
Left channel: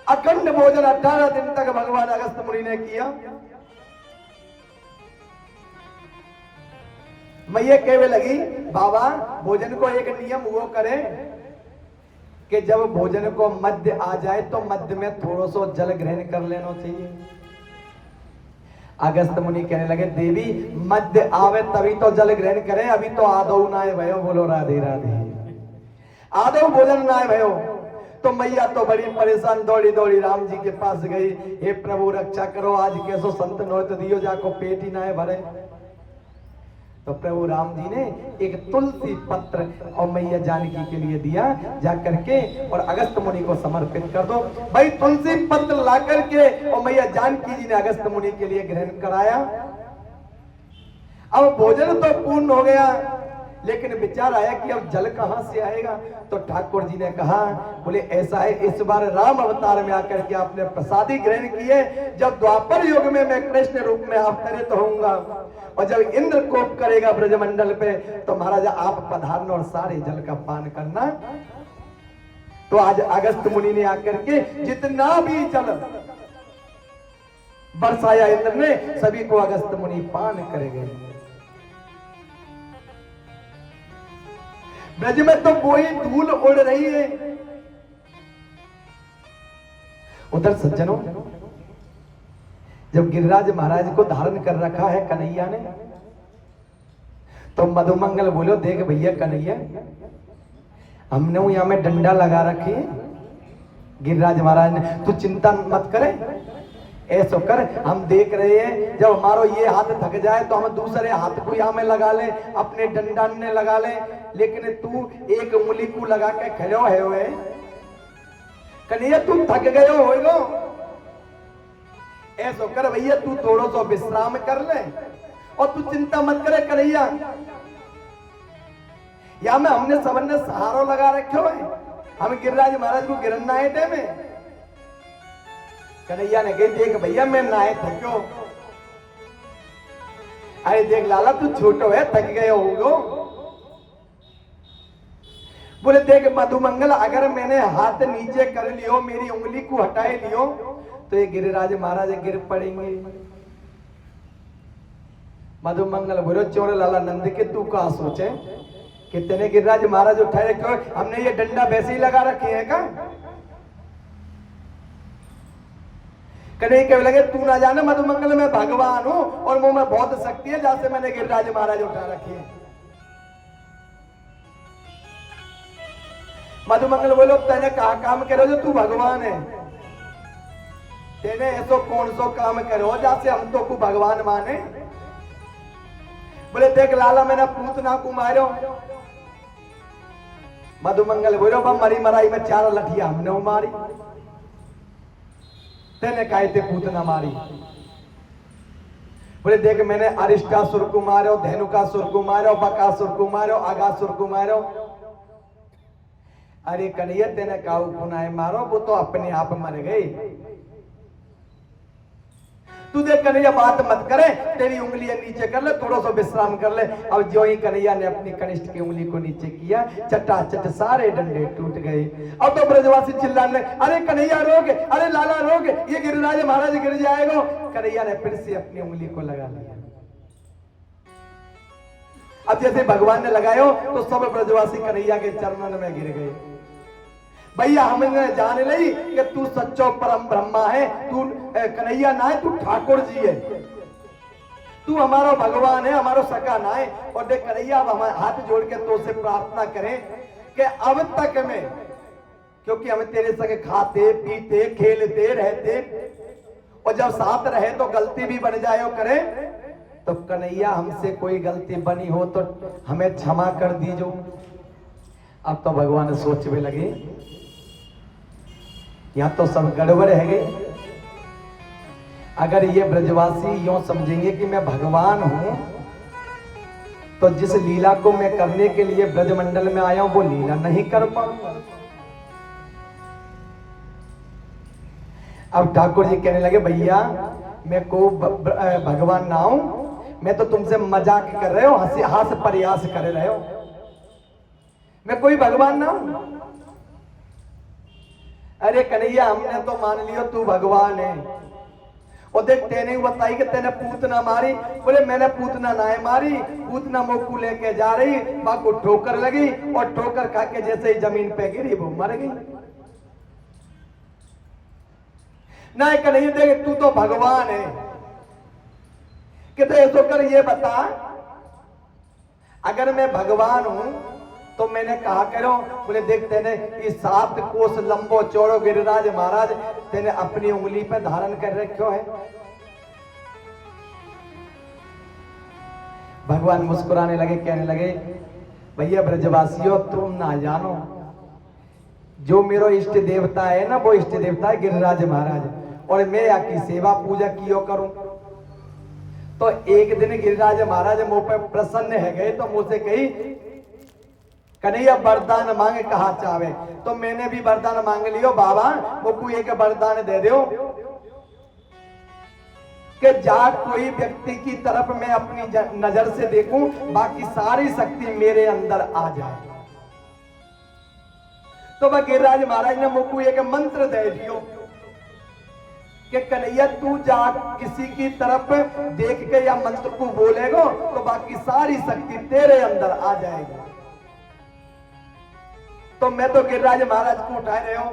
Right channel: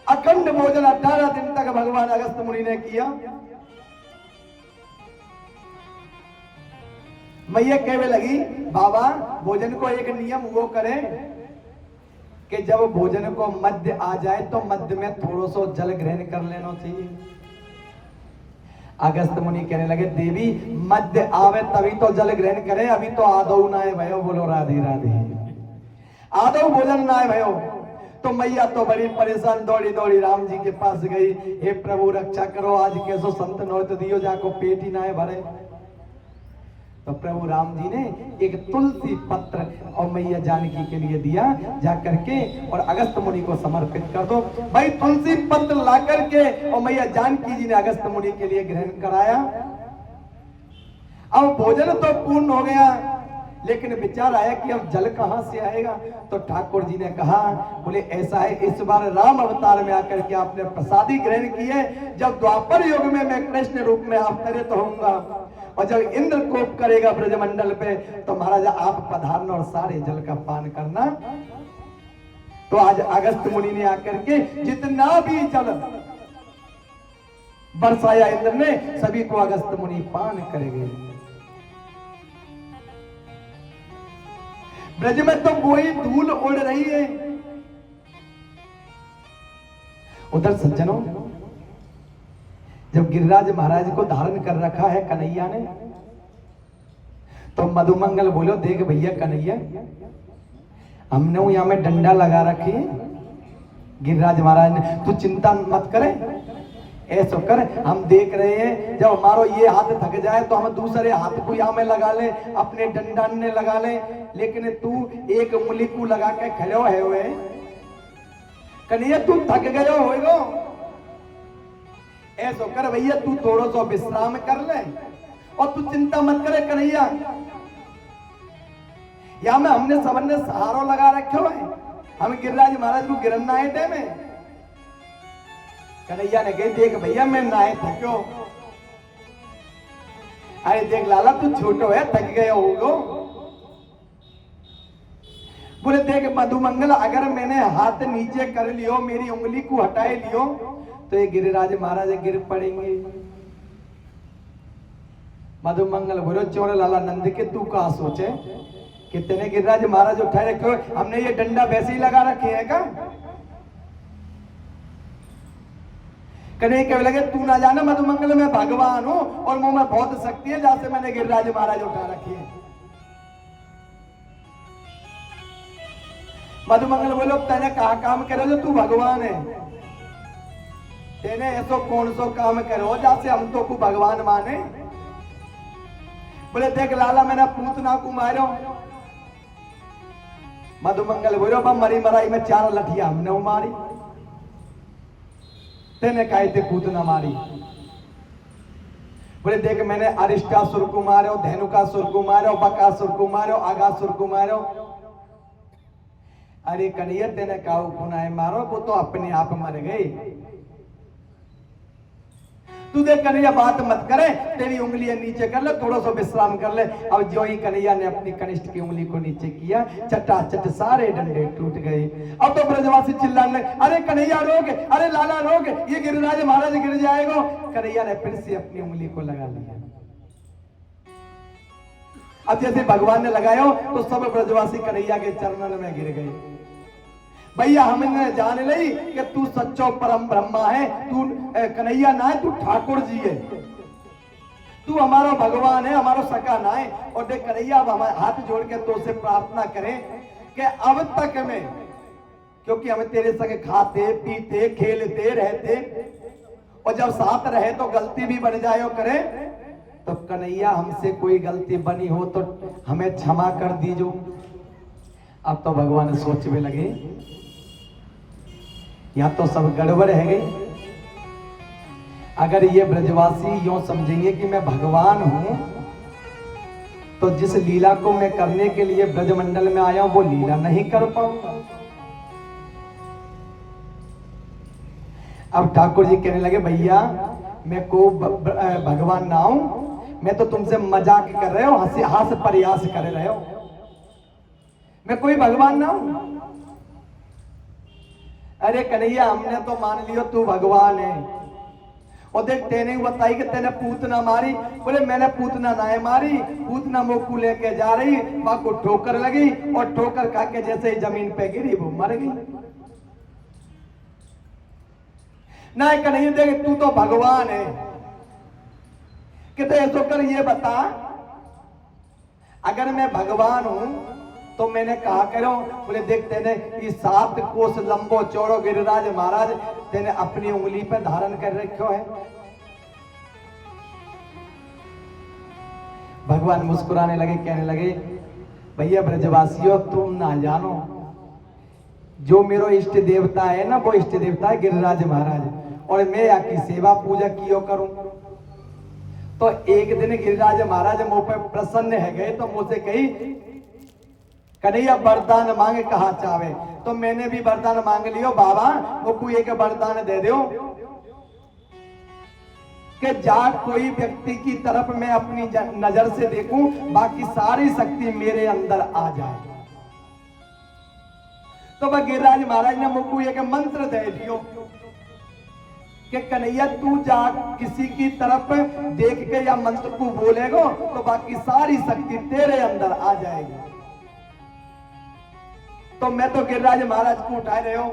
अखंड भोजन 18 दिन तक भगवान अगस्त मुनि ने किया। मैया कहने लगी, बाबा भोजन को एक नियम वो करें कि जब भोजन को मध्य आ जाए तो मध्य में थोड़ा सा जल ग्रहण कर लेना चाहिए। अगस्त मुनि कहने लगे, देवी मध्य आवे तभी तो जल ग्रहण करें, अभी तो आदौ नाय भयो। बोलो राधे राधे। आदौ भोजन नाय भयो। तो मैया तो बड़ी परेशान दौड़ी दौड़ी राम जी के पास गई, हे प्रभु रक्षा करो, आज कैसो संत नोत दियो जाको पेट ही नाय भरे। तो प्रभु राम जी ने एक तुलसी पत्र और मैया जानकी के लिए दिया, जाकर के और अगस्त मुनि को समर्पित कर दो। भाई तुलसी पत्र ला करके और मैया जानकी जी ने अगस्त मुनि के लिए ग्रहण कराया। अब भोजन तो पूर्ण हो गया, लेकिन विचार आया कि अब जल कहां से आएगा? तो ठाकुर जी ने कहा, बोले ऐसा है, इस बार राम अवतार में आकर के आपने प्रसादी ग्रहण किए, जब द्वापर युग में मैं कृष्ण रूप में अवतरित होऊंगा और जब इंद्र कोप करेगा ब्रजमंडल पे तो महाराज आप पधारना और सारे जल का पान करना। तो आज अगस्त मुनि ने आकर के जितना भी जल बरसाया इंद्र ने, सभी को अगस्त मुनि पान करेंगे। ब्रज में तो कोई धूल उड़ रही है। उधर सज्जनों, जब गिरिराज महाराज को धारण कर रखा है कन्हैया ने, तो मधुमंगल बोलो, देख भैया कन्हैया, हमने यहां में डंडा लगा रखी है। गिरिराज महाराज ने, तू चिंता मत करे, ऐसा कर, हम देख रहे हैं जब हमारो ये हाथ थक जाए तो हम दूसरे हाथ को यहाँ में लगा ले, अपने डंडा ने लगा ले, लेकिन तू एक उंगली को लगा के खड़ो है वे कन्हैया, तू थक गयो होगा। ऐसा कर भैया, तू थोड़ा सा विश्राम कर ले और तू चिंता मत करे कन्हैया। या में हमने सबने सहारो लगा रखे है, हम गिरिराज महाराज को गिरना है दे में। कन्हैया ने कही देख भैया मैं नाए थक्यो। अरे देख लाला तू छोटो है, थक गए होगो। बोले देख मधुमंगल, अगर मैंने हाथ नीचे कर लियो, मेरी उंगली को हटाए लियो, तो ये गिरिराज महाराज गिर पड़ेंगे। मधुमंगल बोलो चोर लाला नंद के तू कहा सोचे कि तेने गिरिराज महाराज उठाए रखे, हमने ये डंडा वैसे ही लगा रखे है का? कन्हैया कहने लगे तू ना जाना मधुमंगल, मैं भगवान हूं और मुंह में बहुत शक्ति है, जहां से मैंने गिरिराज महाराज उठा रखी है। मधुमंगल बोलो तेने कहा काम करो जो तू भगवान है, तेने ऐसो कौन सो काम करो जहां से हम तो को भगवान माने। बोले देख लाला मैंने पूतना को मारो। मधुमंगल बोलो मरी मराई में 4 लठिया हमने मारी, तेने कहे थे पूतना मारी। बोले देख मैंने अरिष्टासुर को मारो, धेनुकासुर को मारो, बकासुर को मारो, आगासुर को मारो। अरे कन्हैया तेने कहा पुनाए मारो, वो तो अपने आप मर गए। तू देख कन्हैया बात मत करे, तेरी उंगलियां नीचे कर ले, थोड़ा सा विश्राम कर ले। अब जो ही कन्हैया ने अपनी कनिष्ठ की उंगली को नीचे किया, चटाचट सारे डंडे टूट गए। अब तो ब्रजवासी चिल्लाने, अरे कन्हैया रोक, अरे लाला रोक, ये गिरिराज महाराज गिर जाएगा। कन्हैया ने फिर से अपनी उंगली को लगा लिया। अब जैसे भगवान ने लगायो तो सब ब्रजवासी कन्हैया के चरणों में गिर गए। भैया हमने जान ली कि तू सच्चो परम ब्रह्मा है, तू कन्हैया ना है, तू ठाकुर जी है, तू हमारा भगवान है, हमारा सका ना है। और देख कन्हैया अब हम हाथ जोड़ के तो से प्रार्थना करें कि अब तक में, क्योंकि हम तेरे संग खाते पीते खेलते रहते, और जब साथ रहे तो गलती भी बन जाए करे, तो कन्हैया हमसे कोई गलती बनी हो तो हमें क्षमा कर दीजो। अब तो भगवान सोचने लगे या तो सब गड़बड़ है गई। अगर ये ब्रजवासी यूं समझेंगे कि मैं भगवान हूं, तो जिस लीला को मैं करने के लिए ब्रजमंडल में आया हूं वो लीला नहीं कर पाऊंगा। अब ठाकुर जी कहने लगे भैया मैं को भगवान ना हूं, मैं तो तुमसे मजाक कर रहे हो, हंसी हास प्रयास कर रहे हो, मैं कोई भगवान ना हूं। अरे कन्हैया हमने तो मान लियो तू भगवान है, और देख तेने बताई कि तेने पूतना मारी। बोले मैंने पूतना ना मारी, पूतना मोकू लेके जा रही, मां को ठोकर लगी और ठोकर खा के जैसे ही जमीन पे गिरी वो मर गई। ना कन्हैया देख तू तो भगवान है, कि तो कर ये बता अगर मैं भगवान हूं तो मैंने कहा करो। बोले देख तेने ये 7 कोस लंबो चौड़ो गिरिराज महाराज तेने अपनी उंगली पे धारण कर रखो है। भगवान मुस्कुराने लगे, कहने लगे भैया ब्रजवासियों तुम ना जानो, जो मेरा इष्ट देवता है ना वो इष्ट देवता है गिरिराज महाराज, और मैं यहाँ की सेवा पूजा कियो करूं। तो एक दिन गिरिराज महाराज मुंह पे प्रसन्न है गए, तो मुझसे कही कन्हैया वरदान मांगे कहा चाहे, तो मैंने भी वरदान मांग लियो बाबा, मुझको एक वरदान दे दो कि जा कोई व्यक्ति की तरफ मैं अपनी नजर से देखूं, बाकी सारी शक्ति मेरे अंदर आ जाए। तो वह गिरिराज महाराज ने मुझको एक मंत्र दे दियो कि कन्हैया तू जा किसी की तरफ देख के या मंत्र को बोलेगा तो बाकी सारी शक्ति तेरे अंदर आ जाएगी। तो मैं तो गिरिराज महाराज को उठा रहे हो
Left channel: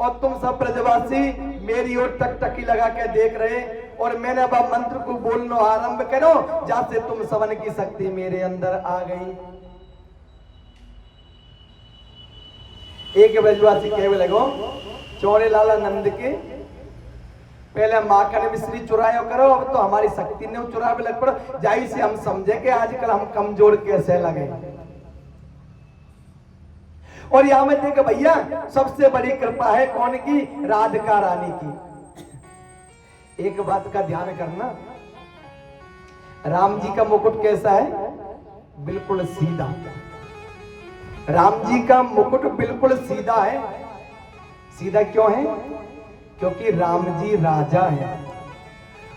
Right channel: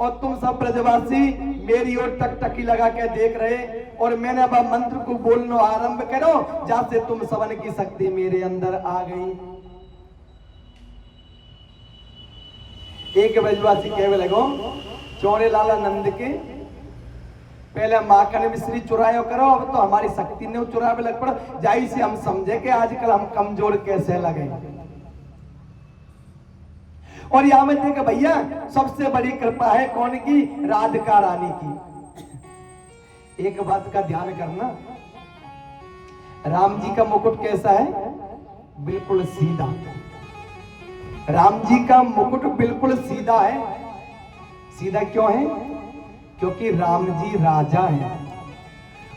और तुम सब ब्रजवासी मेरी ओर टकटकी लगा के देख रहे, और मैंने अब मंत्र को बोलना आरंभ करो, जहां से तुम सबन की शक्ति मेरे अंदर आ गई। एक ब्रजवासी कहने लगो चौड़े लाला नंद के पहले माखन मिश्री चुरायो करो, अब तो हमारी शक्ति ने चुरावे लग पड़ो, जाई से हम समझे कि आजकल हम कमजोर कैसे लगे। और यहां में देख भैया सबसे बड़ी कृपा है कौन की? राधिका रानी की। एक बात का ध्यान करना, राम जी का मुकुट कैसा है? बिल्कुल सीधा। राम जी का मुकुट बिल्कुल सीधा है। सीधा क्यों है? क्योंकि राम जी राजा हैं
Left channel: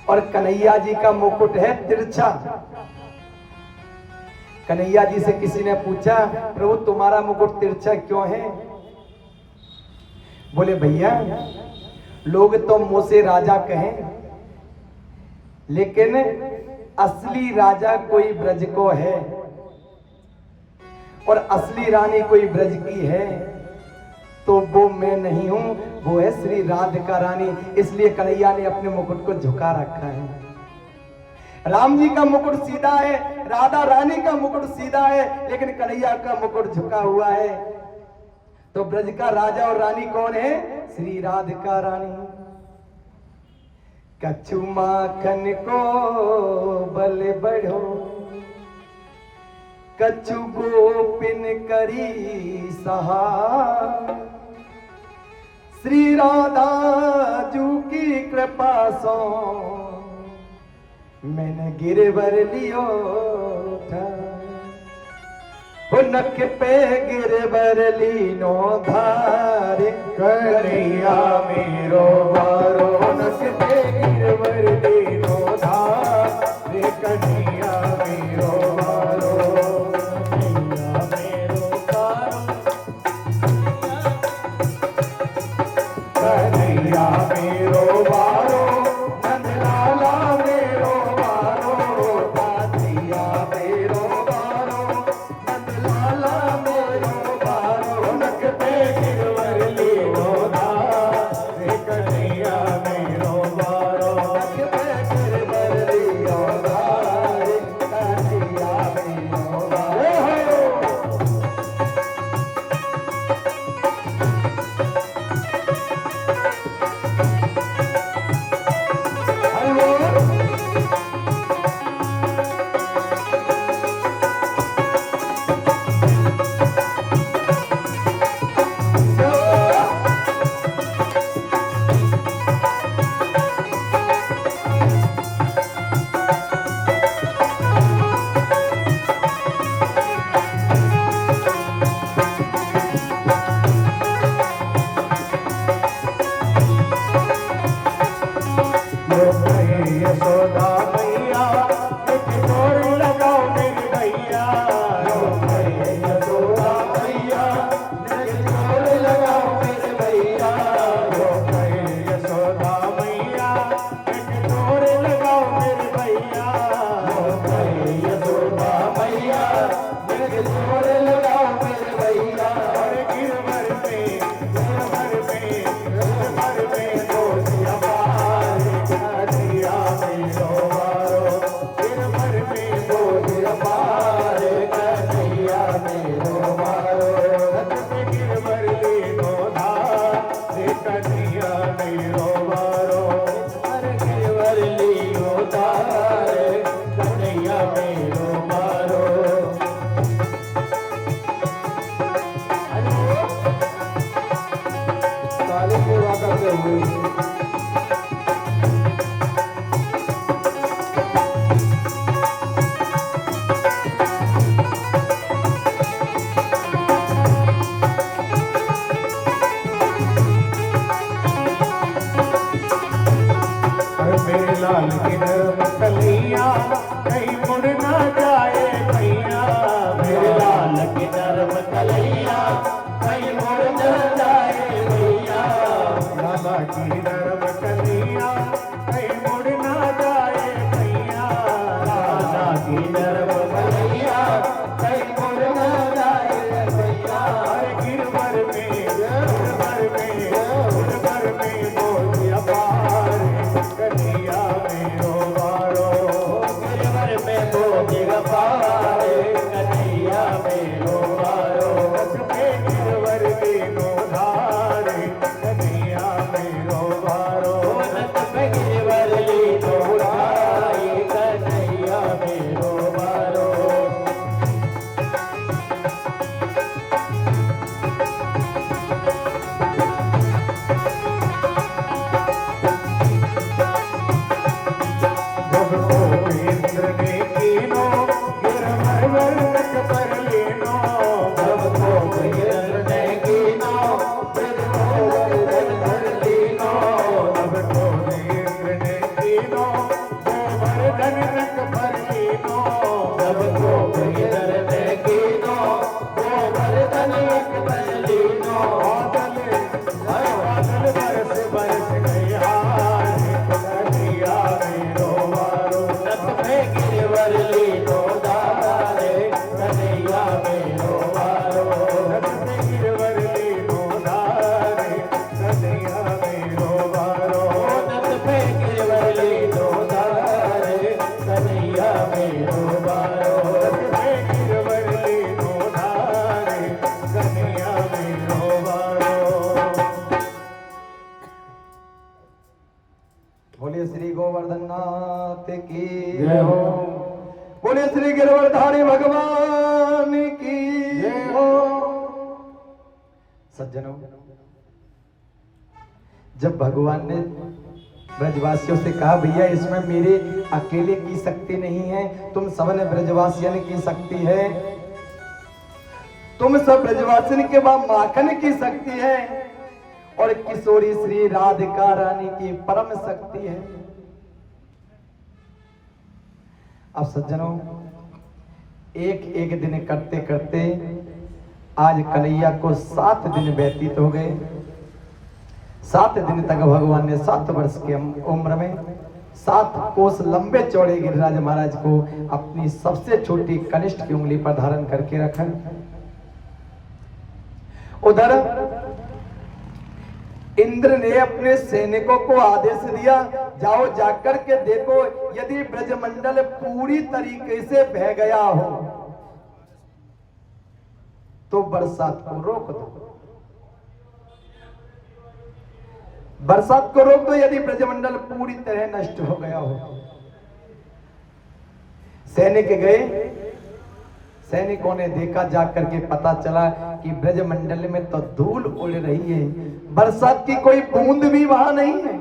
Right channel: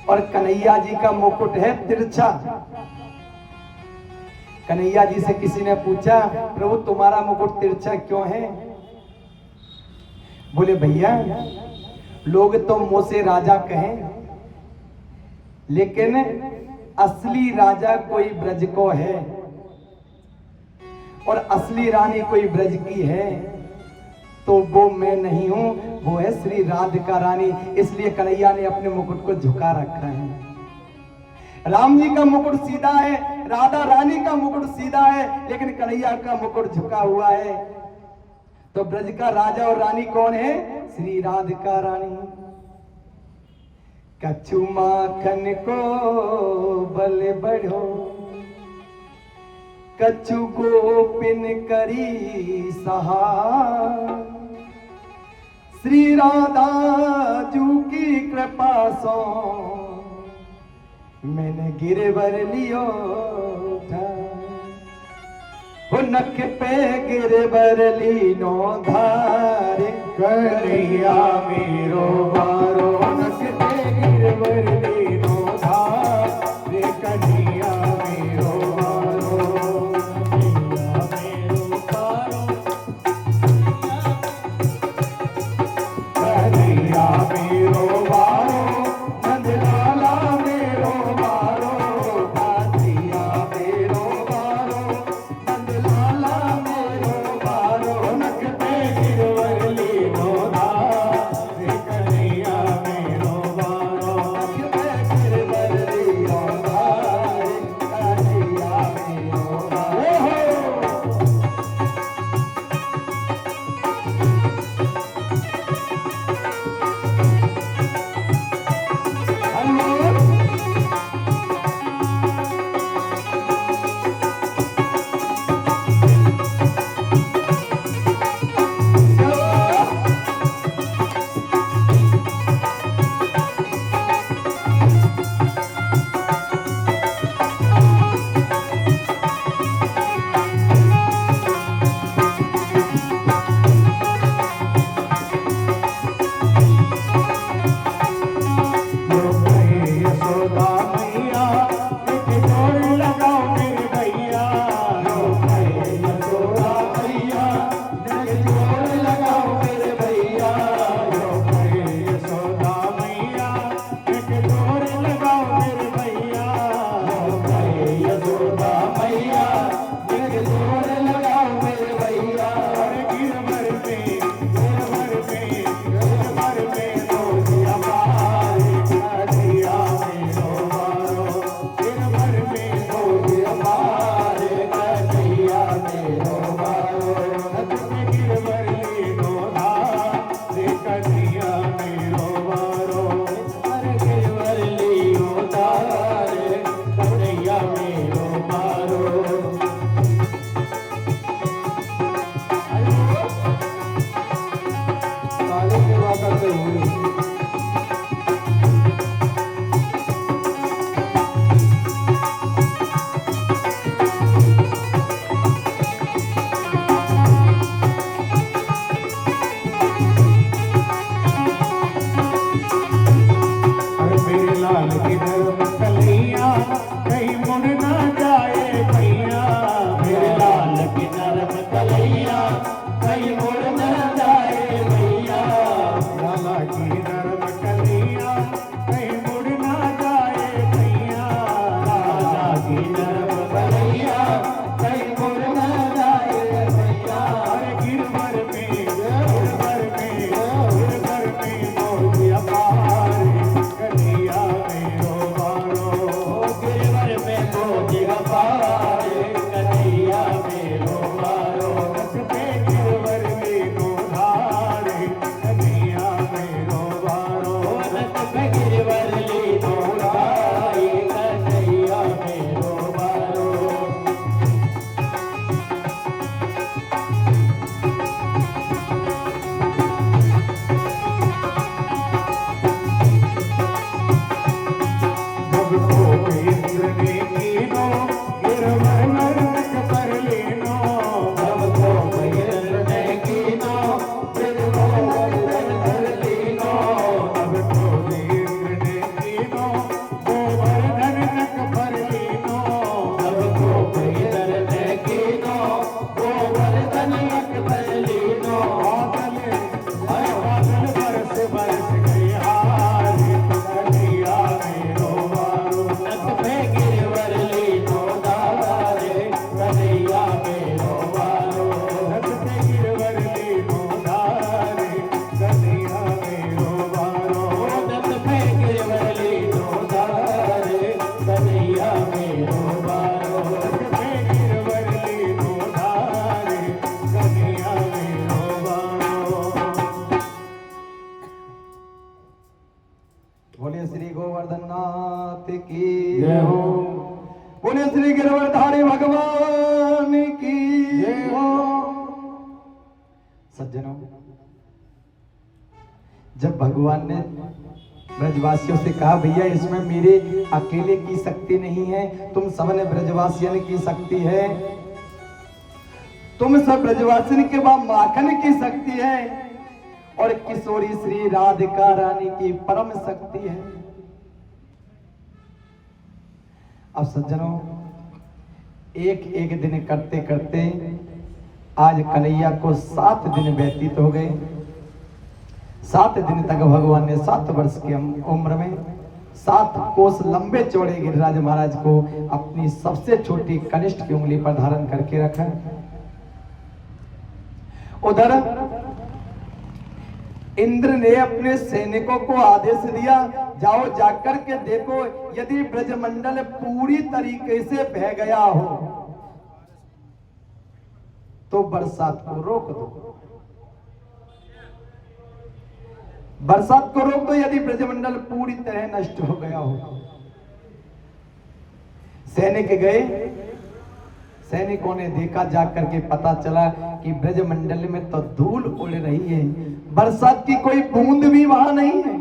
और कन्हैया जी का मुकुट है तिरछा। कन्हैया जी से किसी ने पूछा, प्रभु तुम्हारा मुकुट तिरछा क्यों है? बोले भैया लोग तो मुंह से राजा कहें, लेकिन असली राजा कोई ब्रज को है और असली रानी कोई ब्रज की है, तो वो मैं नहीं हूं, वो है श्री राधिका रानी। इसलिए कन्हैया ने अपने मुकुट को झुका रखा है। राम जी का मुकुट सीधा है, राधा रानी का मुकुट सीधा है, लेकिन कन्हैया का मुकुट झुका हुआ है। तो ब्रज का राजा और रानी कौन है? श्री राधिका रानी। कछु माखन को बल बढ़ो, कछु गोपिन करी सहाय, श्री राधा जू की कृपा सो मैंने गिरवर लियो था। नख पे गिरवर लीनो धारे, कन्हैया मेरो वारो, नख पे गिरवर लीनो धारे, कन्हैया मेरो वारो, कन्हैया मेरो वारो, कन्हैया मेरो वारो, नंदलाला मेरो वारो, कन्हैया मेरो वारो, नंदलाला मेरो वारो, नख पे गिरवर लीनो धारे, कन्हैया मेरो वारो, नख पे गिरवर लीनो धारे, कन्हैया मेरो वारो। यशोदा मैया एक जोर लगाओ मेरी भैया, यशोदा मैया एक जोर लगाओ मेरे भैया, यशोदा मैया एक जोर लगाओ मेरे भैया, यशोदा मैया एक जोर लगाओ मेरे भैया। गिरवर में तो दिया मारे, कन्हैया मेरो वारो, गिरवर में तो दिया मारे, कन्हैया मेरो वारो, नख पे गिरवर लीनो धारे, कन्हैया मेरो वारो, गिरवर लीनो धारे, कन्हैया मेरो वारो। बोले श्री गिरवरधारी भगवान की जय हो। सज्जनों, जब भगवान ने ब्रजवासियों से कहा भैया इसमें मेरे अकेले की शक्ति नहीं है, तुम सबने ब्रजवासियों की शक्ति है, तुम सब ब्रजवासियों के बाद माखन की शक्ति है और किशोरी श्री राधिका रानी की परम शक्ति है। अब सज्जनों, एक एक दिन करते करते आज कन्हैया को 7 दिन व्यतीत हो गए। 7 दिन तक भगवान ने 7 वर्ष की उम्र में 7 कोस लंबे चौड़े गिरिराज महाराज को अपनी सबसे छोटी कनिष्ठ की उंगली पर धारण करके रखा। उधर इंद्र ने अपने सैनिकों को आदेश दिया, जाओ जाकर के देखो यदि ब्रजमंडल पूरी तरीके से बह गया हो तो बरसात को रोक दो। बरसात को रोक दो यदि ब्रजमंडल पूरी तरह नष्ट हो गया हो। सैनिक गए, सैनिकों ने देखा, जाकर के पता चला कि ब्रजमंडल में तो धूल उड़ रही है, बरसात की कोई बूंद भी वहां नहीं है।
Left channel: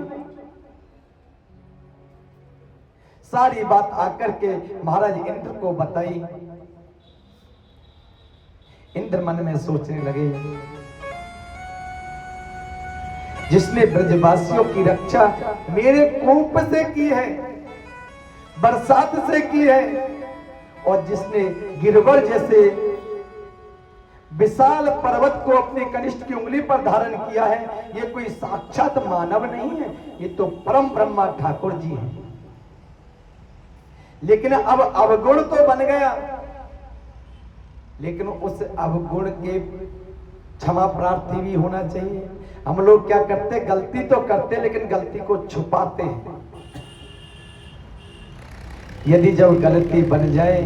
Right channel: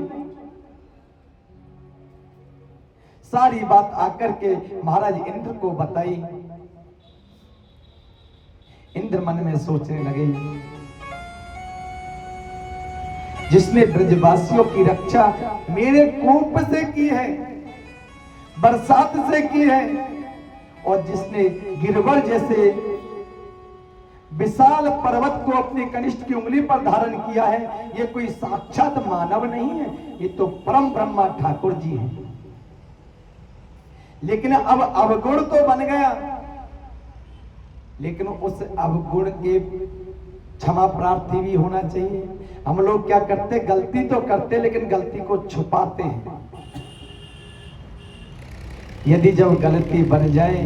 सारी बात आकर के महाराज इंद्र को बताई। इंद्र मन में सोचने लगे, जिसने ब्रजवासियों की रक्षा मेरे कोप से की है, बरसात से की है, और जिसने गिरवर जैसे विशाल पर्वत को अपने कनिष्ठ की उंगली पर धारण किया है, ये कोई साक्षात मानव नहीं है, ये तो परम ब्रह्मा ठाकुर जी हैं। लेकिन अब अवगुण तो बन गया, लेकिन उस अवगुण के क्षमा प्रार्थी भी होना चाहिए। हम लोग क्या करते, गलती तो करते लेकिन गलती को छुपाते हैं। यदि जब गलती बन जाए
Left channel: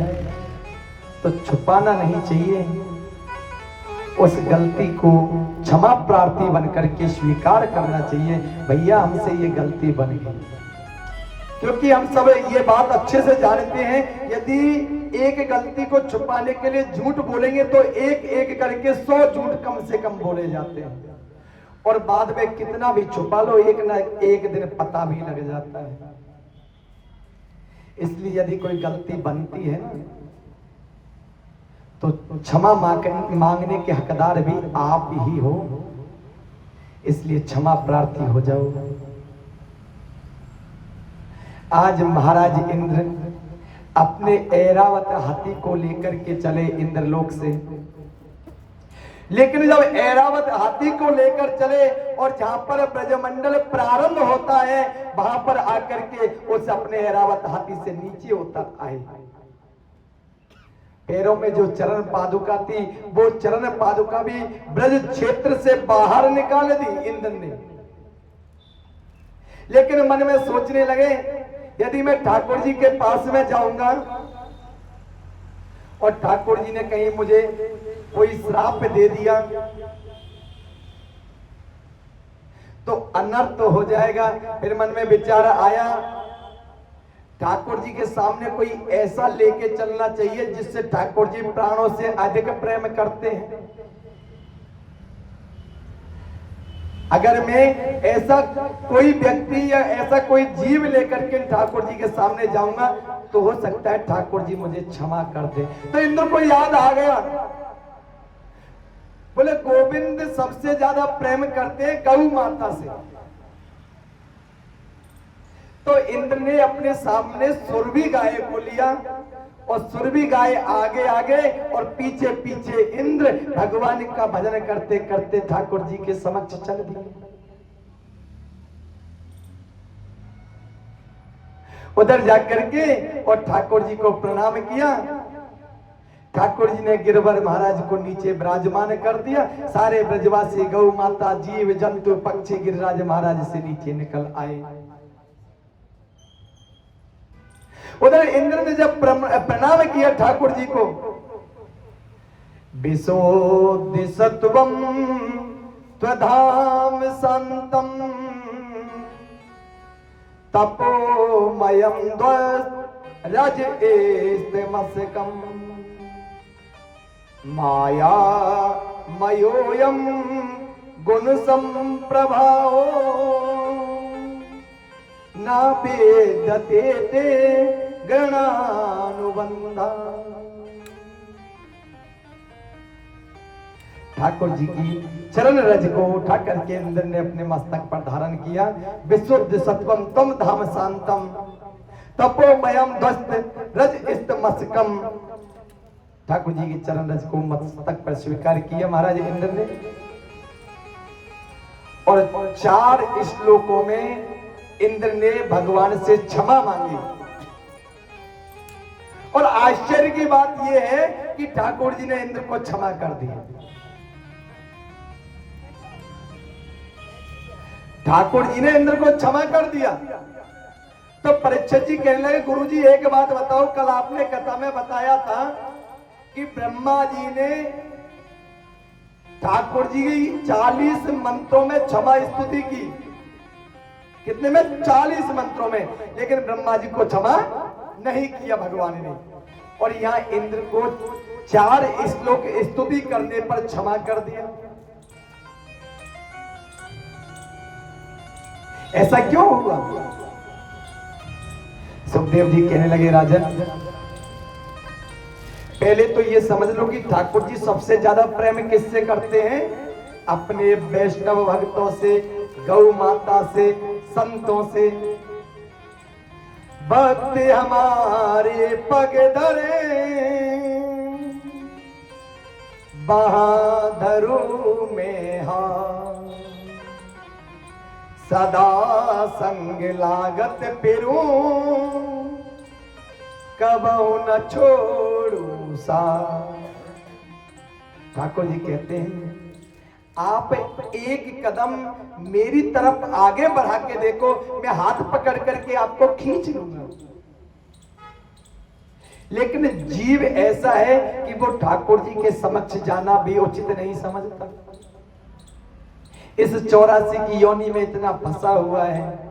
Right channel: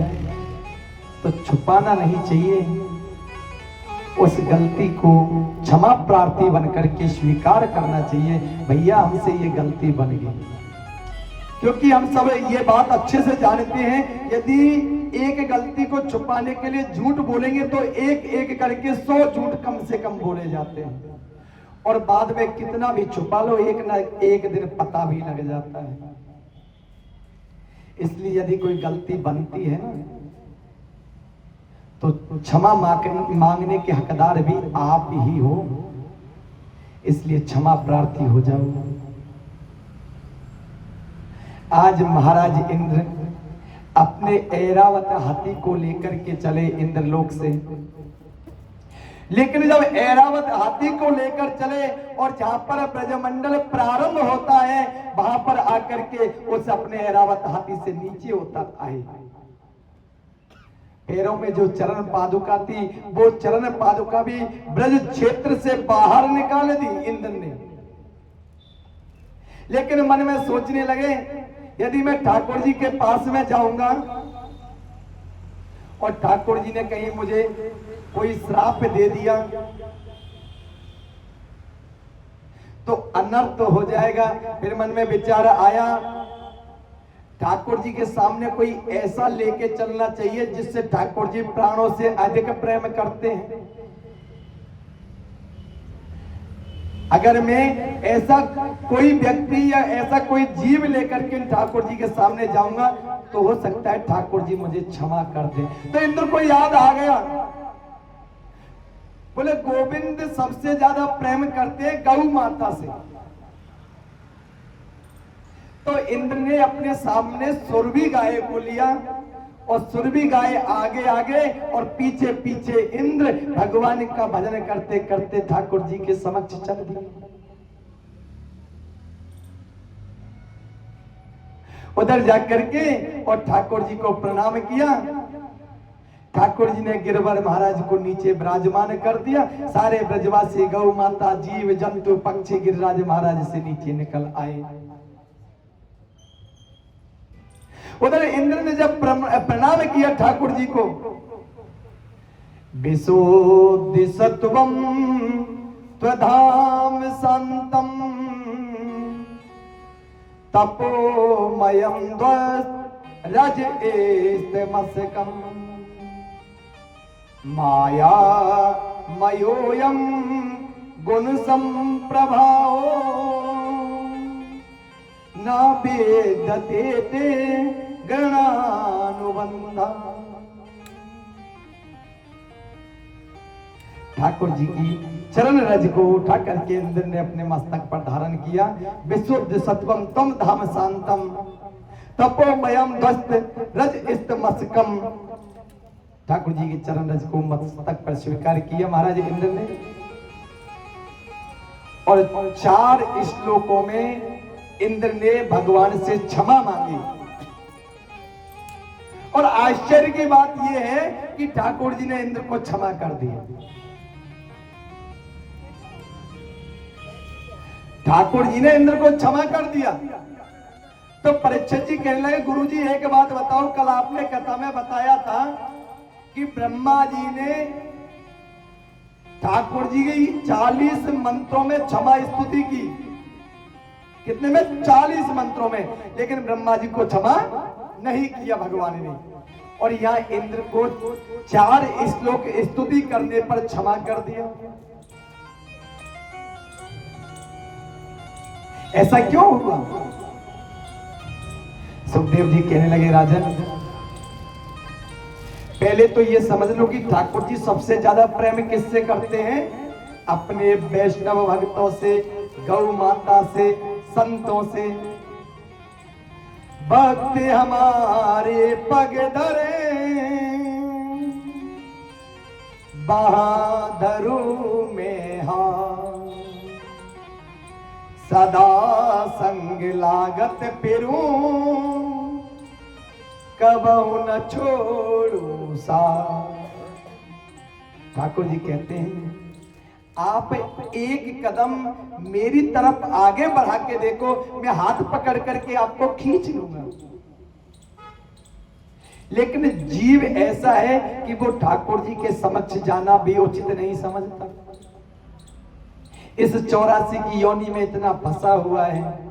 तो छुपाना नहीं चाहिए, उस गलती को क्षमा प्रार्थी बनकर के स्वीकार करना चाहिए, भैया हमसे ये गलती बन गई। क्योंकि हम सब ये बात अच्छे से जानते हैं, यदि एक गलती को छुपाने के लिए झूठ बोलेंगे तो एक एक करके 100 झूठ कम से कम बोले जाते हैं, और बाद में कितना भी छुपा लो एक ना एक दिन पता भी लग जाता है। इसलिए यदि कोई गलती बनती है ना तो क्षमा मांगने के हकदार भी आप ही हो, इसलिए क्षमा प्रार्थी हो जाओ। आज महाराज इंद्र अपने ऐरावत हाथी को लेकर के चले इंद्रलोक से, लेकिन जब ऐरावत हाथी को लेकर चले और जहां पर ब्रजमंडल प्रारंभ होता है वहां पर आकर के उस अपने ऐरावत हाथी से नीचे उतर आए। पैरों में जो चरण पादुका थी वो चरण पादुका भी ब्रज क्षेत्र से बाहर निकाल दी इंद्र ने। लेकिन मन में सोचने लगे, यदि मैं ठाकुर जी के पास में जाऊंगा और ठाकुर जी ने कहीं मुझे कोई श्राप दे दिया तो अनर्थ हो जाएगा। फिर मन में विचार आया, ठाकुर जी के सामने कोई ऐसा लेके चलना चाहिए जिससे ठाकुर जी प्राणों से अधिक प्रेम करते हैं। अगर मैं ऐसा कोई व्यक्ति या ऐसा कोई जीव लेकर के ठाकुर जी के सामने जाऊंगा तो हो सकता है ठाकुर जी मुझे क्षमा कर दे। तो इंद्र को याद आ गया, बोले गोविंद सबसे ज्यादा प्रेम करते गौ माता से। तो इंद्र ने अपने सामने सुरभि गाय को लिया और सुरभि गाय आगे आगे और पीछे पीछे इंद्र भगवान का भजन करते करते ठाकुर जी के समक्ष चल दिए। उधर जाकर के और ठाकुर जी को प्रणाम किया। ठाकुर जी ने गिरवर महाराज को नीचे विराजमान कर दिया। सारे ब्रजवासी गौ माता जीव जंतु पक्षी गिरिराज महाराज से नीचे निकल आए। उधर इंद्र ने जब प्रणाम किया ठाकुर जी को, विशोदिसत्वं त्वधाम संतम तपोमयं रज इस्तमस्कम माया मयोयम गुण संप्रभाओ ना वेदते ते गणानुबंधा। ठाकुर जी की चरण रज को उठा करके इंद्र ने अपने मस्तक पर धारण किया। विशुद्ध सत्वम तम धाम शांतम तपोमयम ध्वस्त रज इस्तमस्कम। ठाकुर जी के चरण रज को मस्तक पर स्वीकार किया महाराज इंद्र ने, और 4 श्लोकों में इंद्र ने भगवान से क्षमा मांगी। और आश्चर्य की बात यह है कि ठाकुर जी ने इंद्र को क्षमा कर दिया। ठाकुर जी ने इंद्र को क्षमा कर दिया। तो परीक्षित जी कहने लगे, गुरु जी एक बात बताओ, कल आपने कथा में बताया था कि ब्रह्मा जी ने ठाकुर जी की 40 मंत्रों में क्षमा स्तुति की। कितने में? 40 मंत्रों में। लेकिन ब्रह्मा जी को क्षमा नहीं किया भगवान ने। और यहां इंद्र को 4 श्लोक स्तुति करने पर क्षमा कर दिया। ऐसा क्यों हुआ? सुखदेव जी कहने लगे, राजन पहले तो ये समझ लो कि ठाकुर जी सबसे ज्यादा प्रेम किससे करते हैं? अपने वैष्णव भक्तों से, गौ माता से, संतों से। भक्त हमारे पग धरे बहादुर में हाथ, सदा संग लागत फिरूं कबहू न छोड़ू साथ। ठाकुर जी कहते हैं, आप एक कदम मेरी तरफ आगे बढ़ा के देखो, मैं हाथ पकड़ करके आपको खींच लूंगा। लेकिन जीव ऐसा है कि वो ठाकुर जी के समक्ष जाना भी उचित नहीं समझता। इस 84 की योनि में इतना फंसा हुआ है।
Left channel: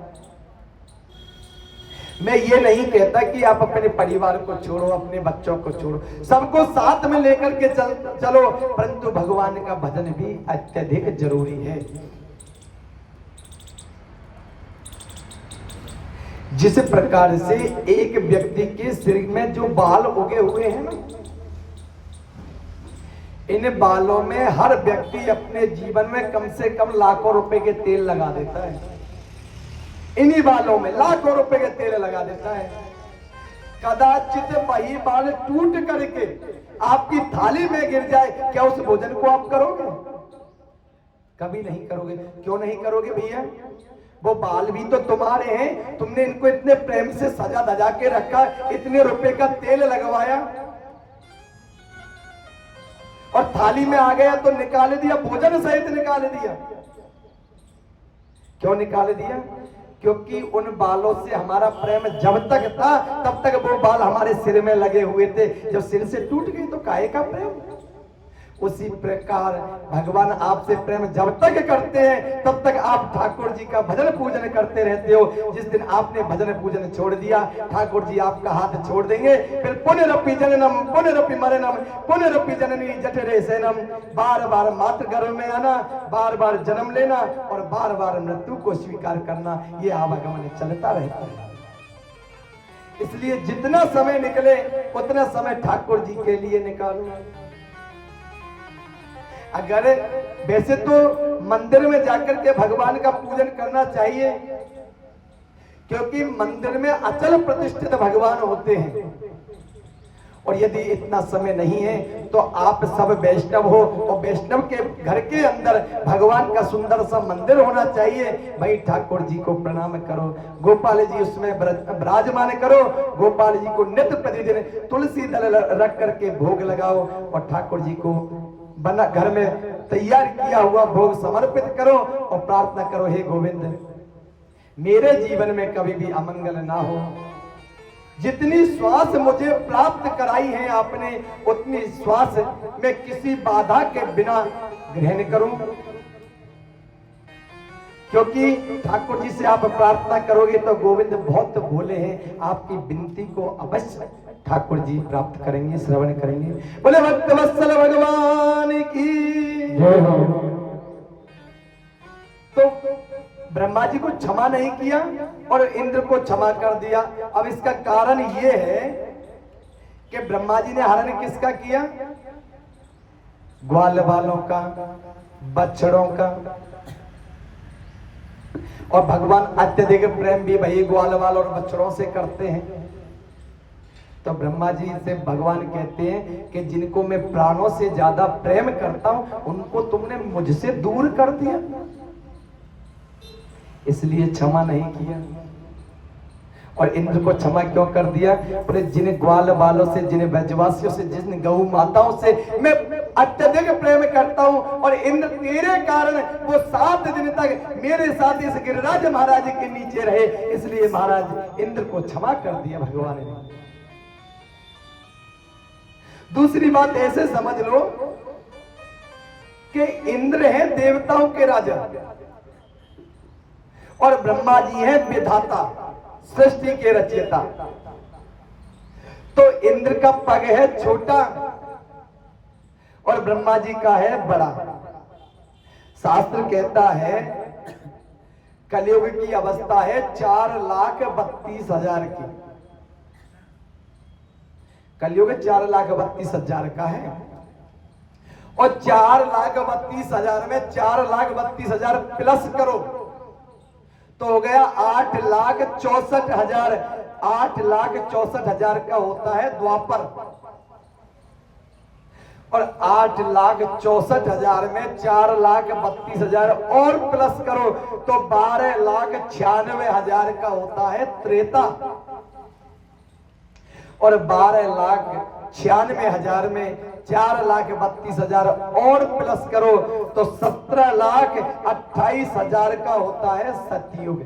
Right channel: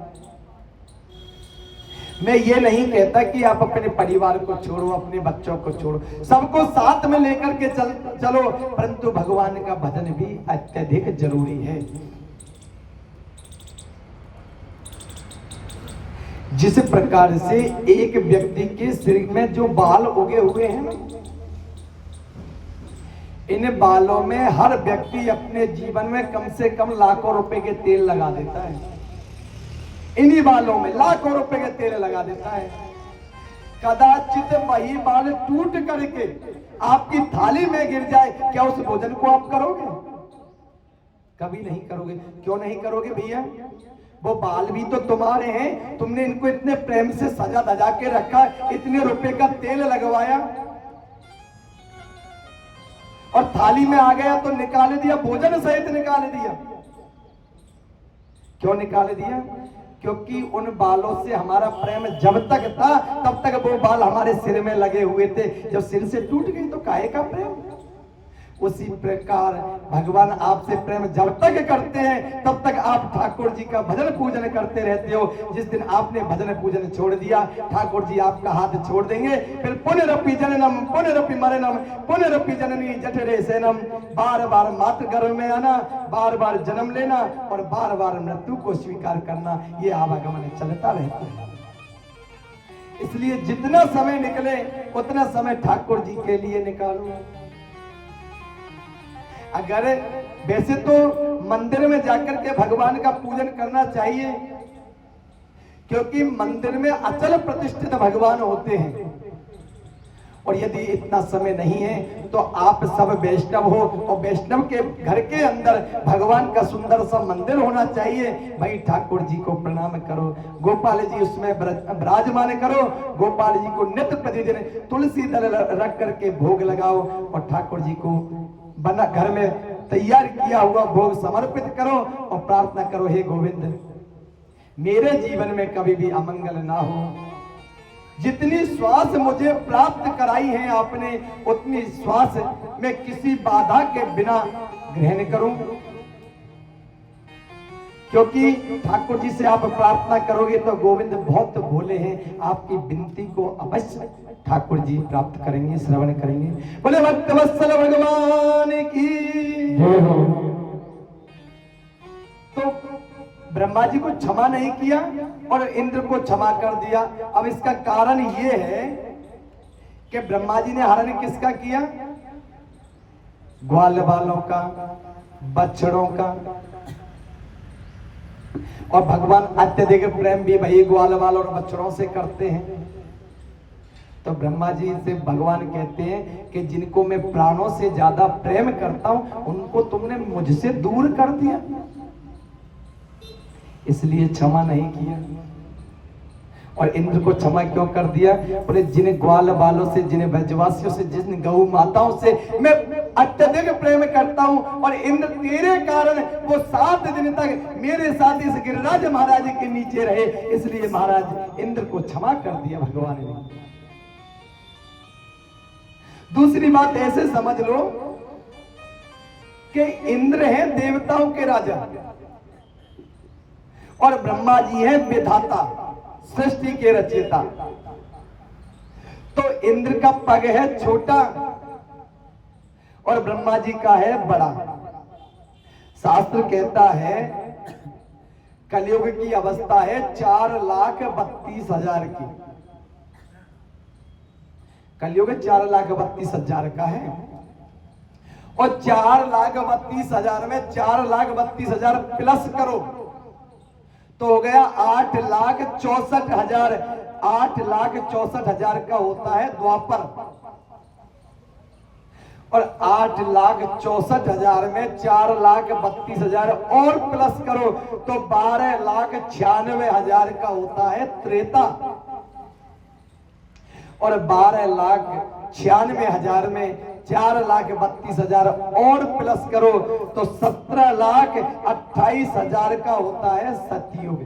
मैं ये नहीं कहता कि आप अपने परिवार को छोड़ो, अपने बच्चों को छोड़ो, सबको साथ में लेकर के चलो, परंतु भगवान का भजन भी अत्यधिक जरूरी है। जिस प्रकार से एक व्यक्ति के सिर में जो बाल उगे हुए हैं, इन बालों में हर व्यक्ति अपने जीवन में कम से कम लाखों रुपए के तेल लगा देता है। इन्हीं बालों में लाखों रुपए के तेल लगा देता है। कदाचित वही बाल टूट करके आपकी थाली में गिर जाए, क्या उस भोजन को आप करोगे? कभी नहीं करोगे। क्यों नहीं करोगे भैया? वो बाल भी तो तुम्हारे हैं, तुमने इनको इतने प्रेम से सजा धजा के रखा, इतने रुपए का तेल लगवाया, और थाली में आ गया तो निकाल दिया, भोजन सहित निकाल दिया। क्यों निकाल दिया? क्योंकि उन बालों से हमारा प्रेम जब तक था तब तक वो बाल हमारे सिर में लगे हुए थे। जब सिर से टूट गई तो काहे का प्रेम? उसी प्रकार भगवान आपसे प्रेम जब तक करते हैं तब तक आप ठाकुर जी का भजन पूजन करते रहते हो। जिस दिन आपने भजन पूजन छोड़ दिया, ठाकुर जी आपका हाथ छोड़ देंगे। फिर पुनरपि जननम पुनरपि मरणम पुनरपि जननी जठरे सेनम। बार बार मातृ गर्भ में आना, बार बार जन्म लेना और बार बार मृत्यु को स्वीकार करना, ये आवागमन चलता रहता है। इसलिए जितना समय निकले उतना समय ठाकुर जी के लिए निकालो। अगर वैसे तो मंदिर में जाकर के भगवान का पूजन करना चाहिए, क्योंकि मंदिर में अचल प्रतिष्ठित भगवान होते हैं। और यदि इतना समय नहीं है तो आप सब वैष्णव हो, और वैष्णव के घर के अंदर भगवान का सुंदर सा मंदिर होना चाहिए। भाई ठाकुर जी को प्रणाम करो, गोपाल जी उसमें विराजमान करो, गोपाल जी को नित्य प्रतिदिन तुलसी दल रख करके भोग लगाओ, और ठाकुर जी को बना घर में तैयार किया हुआ भोग समर्पित करो और प्रार्थना करो, हे गोविंद मेरे जीवन में कभी भी अमंगल ना हो। जितनी श्वास मुझे प्राप्त कराई है आपने, उतनी श्वास मैं किसी बाधा के बिना ग्रहण करूं। क्योंकि ठाकुर जी से आप प्रार्थना करोगे तो गोविंद बहुत भोले हैं, आपकी विनती को अवश्य ठाकुर जी प्राप्त करेंगे, श्रवण करेंगे। बोले भक्तवत्सल भगवान की जय हो। तो ब्रह्मा जी को क्षमा नहीं किया और इंद्र को क्षमा कर दिया। अब इसका कारण यह है कि ब्रह्मा जी ने हरण किसका किया? ग्वाल वालों का, बछड़ों का। और भगवान अत्यधिक प्रेम भी भाई ग्वाल वालों और बछड़ों से करते हैं। तो ब्रह्मा जी से भगवान कहते हैं कि जिनको मैं प्राणों से ज्यादा प्रेम करता हूं उनको तुमने मुझसे दूर कर दिया, इसलिए क्षमा नहीं किया। और इंद्र को क्षमा क्यों कर दिया? बोले जिन ग्वाल बालों से, जिन ब्रजवासियों से, जिन गौ माताओं से मैं अत्यधिक प्रेम करता हूं, और इंद्र तेरे कारण वो 7 दिन तक मेरे साथ इस गिरिराज महाराज के नीचे रहे, इसलिए महाराज इंद्र को क्षमा कर दिया भगवान ने। दूसरी बात ऐसे समझ लो कि इंद्र है देवताओं के राजा और ब्रह्मा जी हैं विधाता, सृष्टि के रचयिता। तो इंद्र का पग है छोटा और ब्रह्मा जी का है बड़ा। शास्त्र कहता है कलयुग की अवस्था है 4,32,000 की। कलयुग 4,32,000 का है और 4,32,000 में 4,32,000 प्लस करो तो हो गया 8,64,000। 8,64,000 का होता है द्वापर, और 8,64,000 में 4,32,000 और प्लस करो तो 12,96,000 का होता है त्रेता, और 12,96,000 में 4,32,000 और प्लस करो तो 17,28,000 का होता है सतयुग।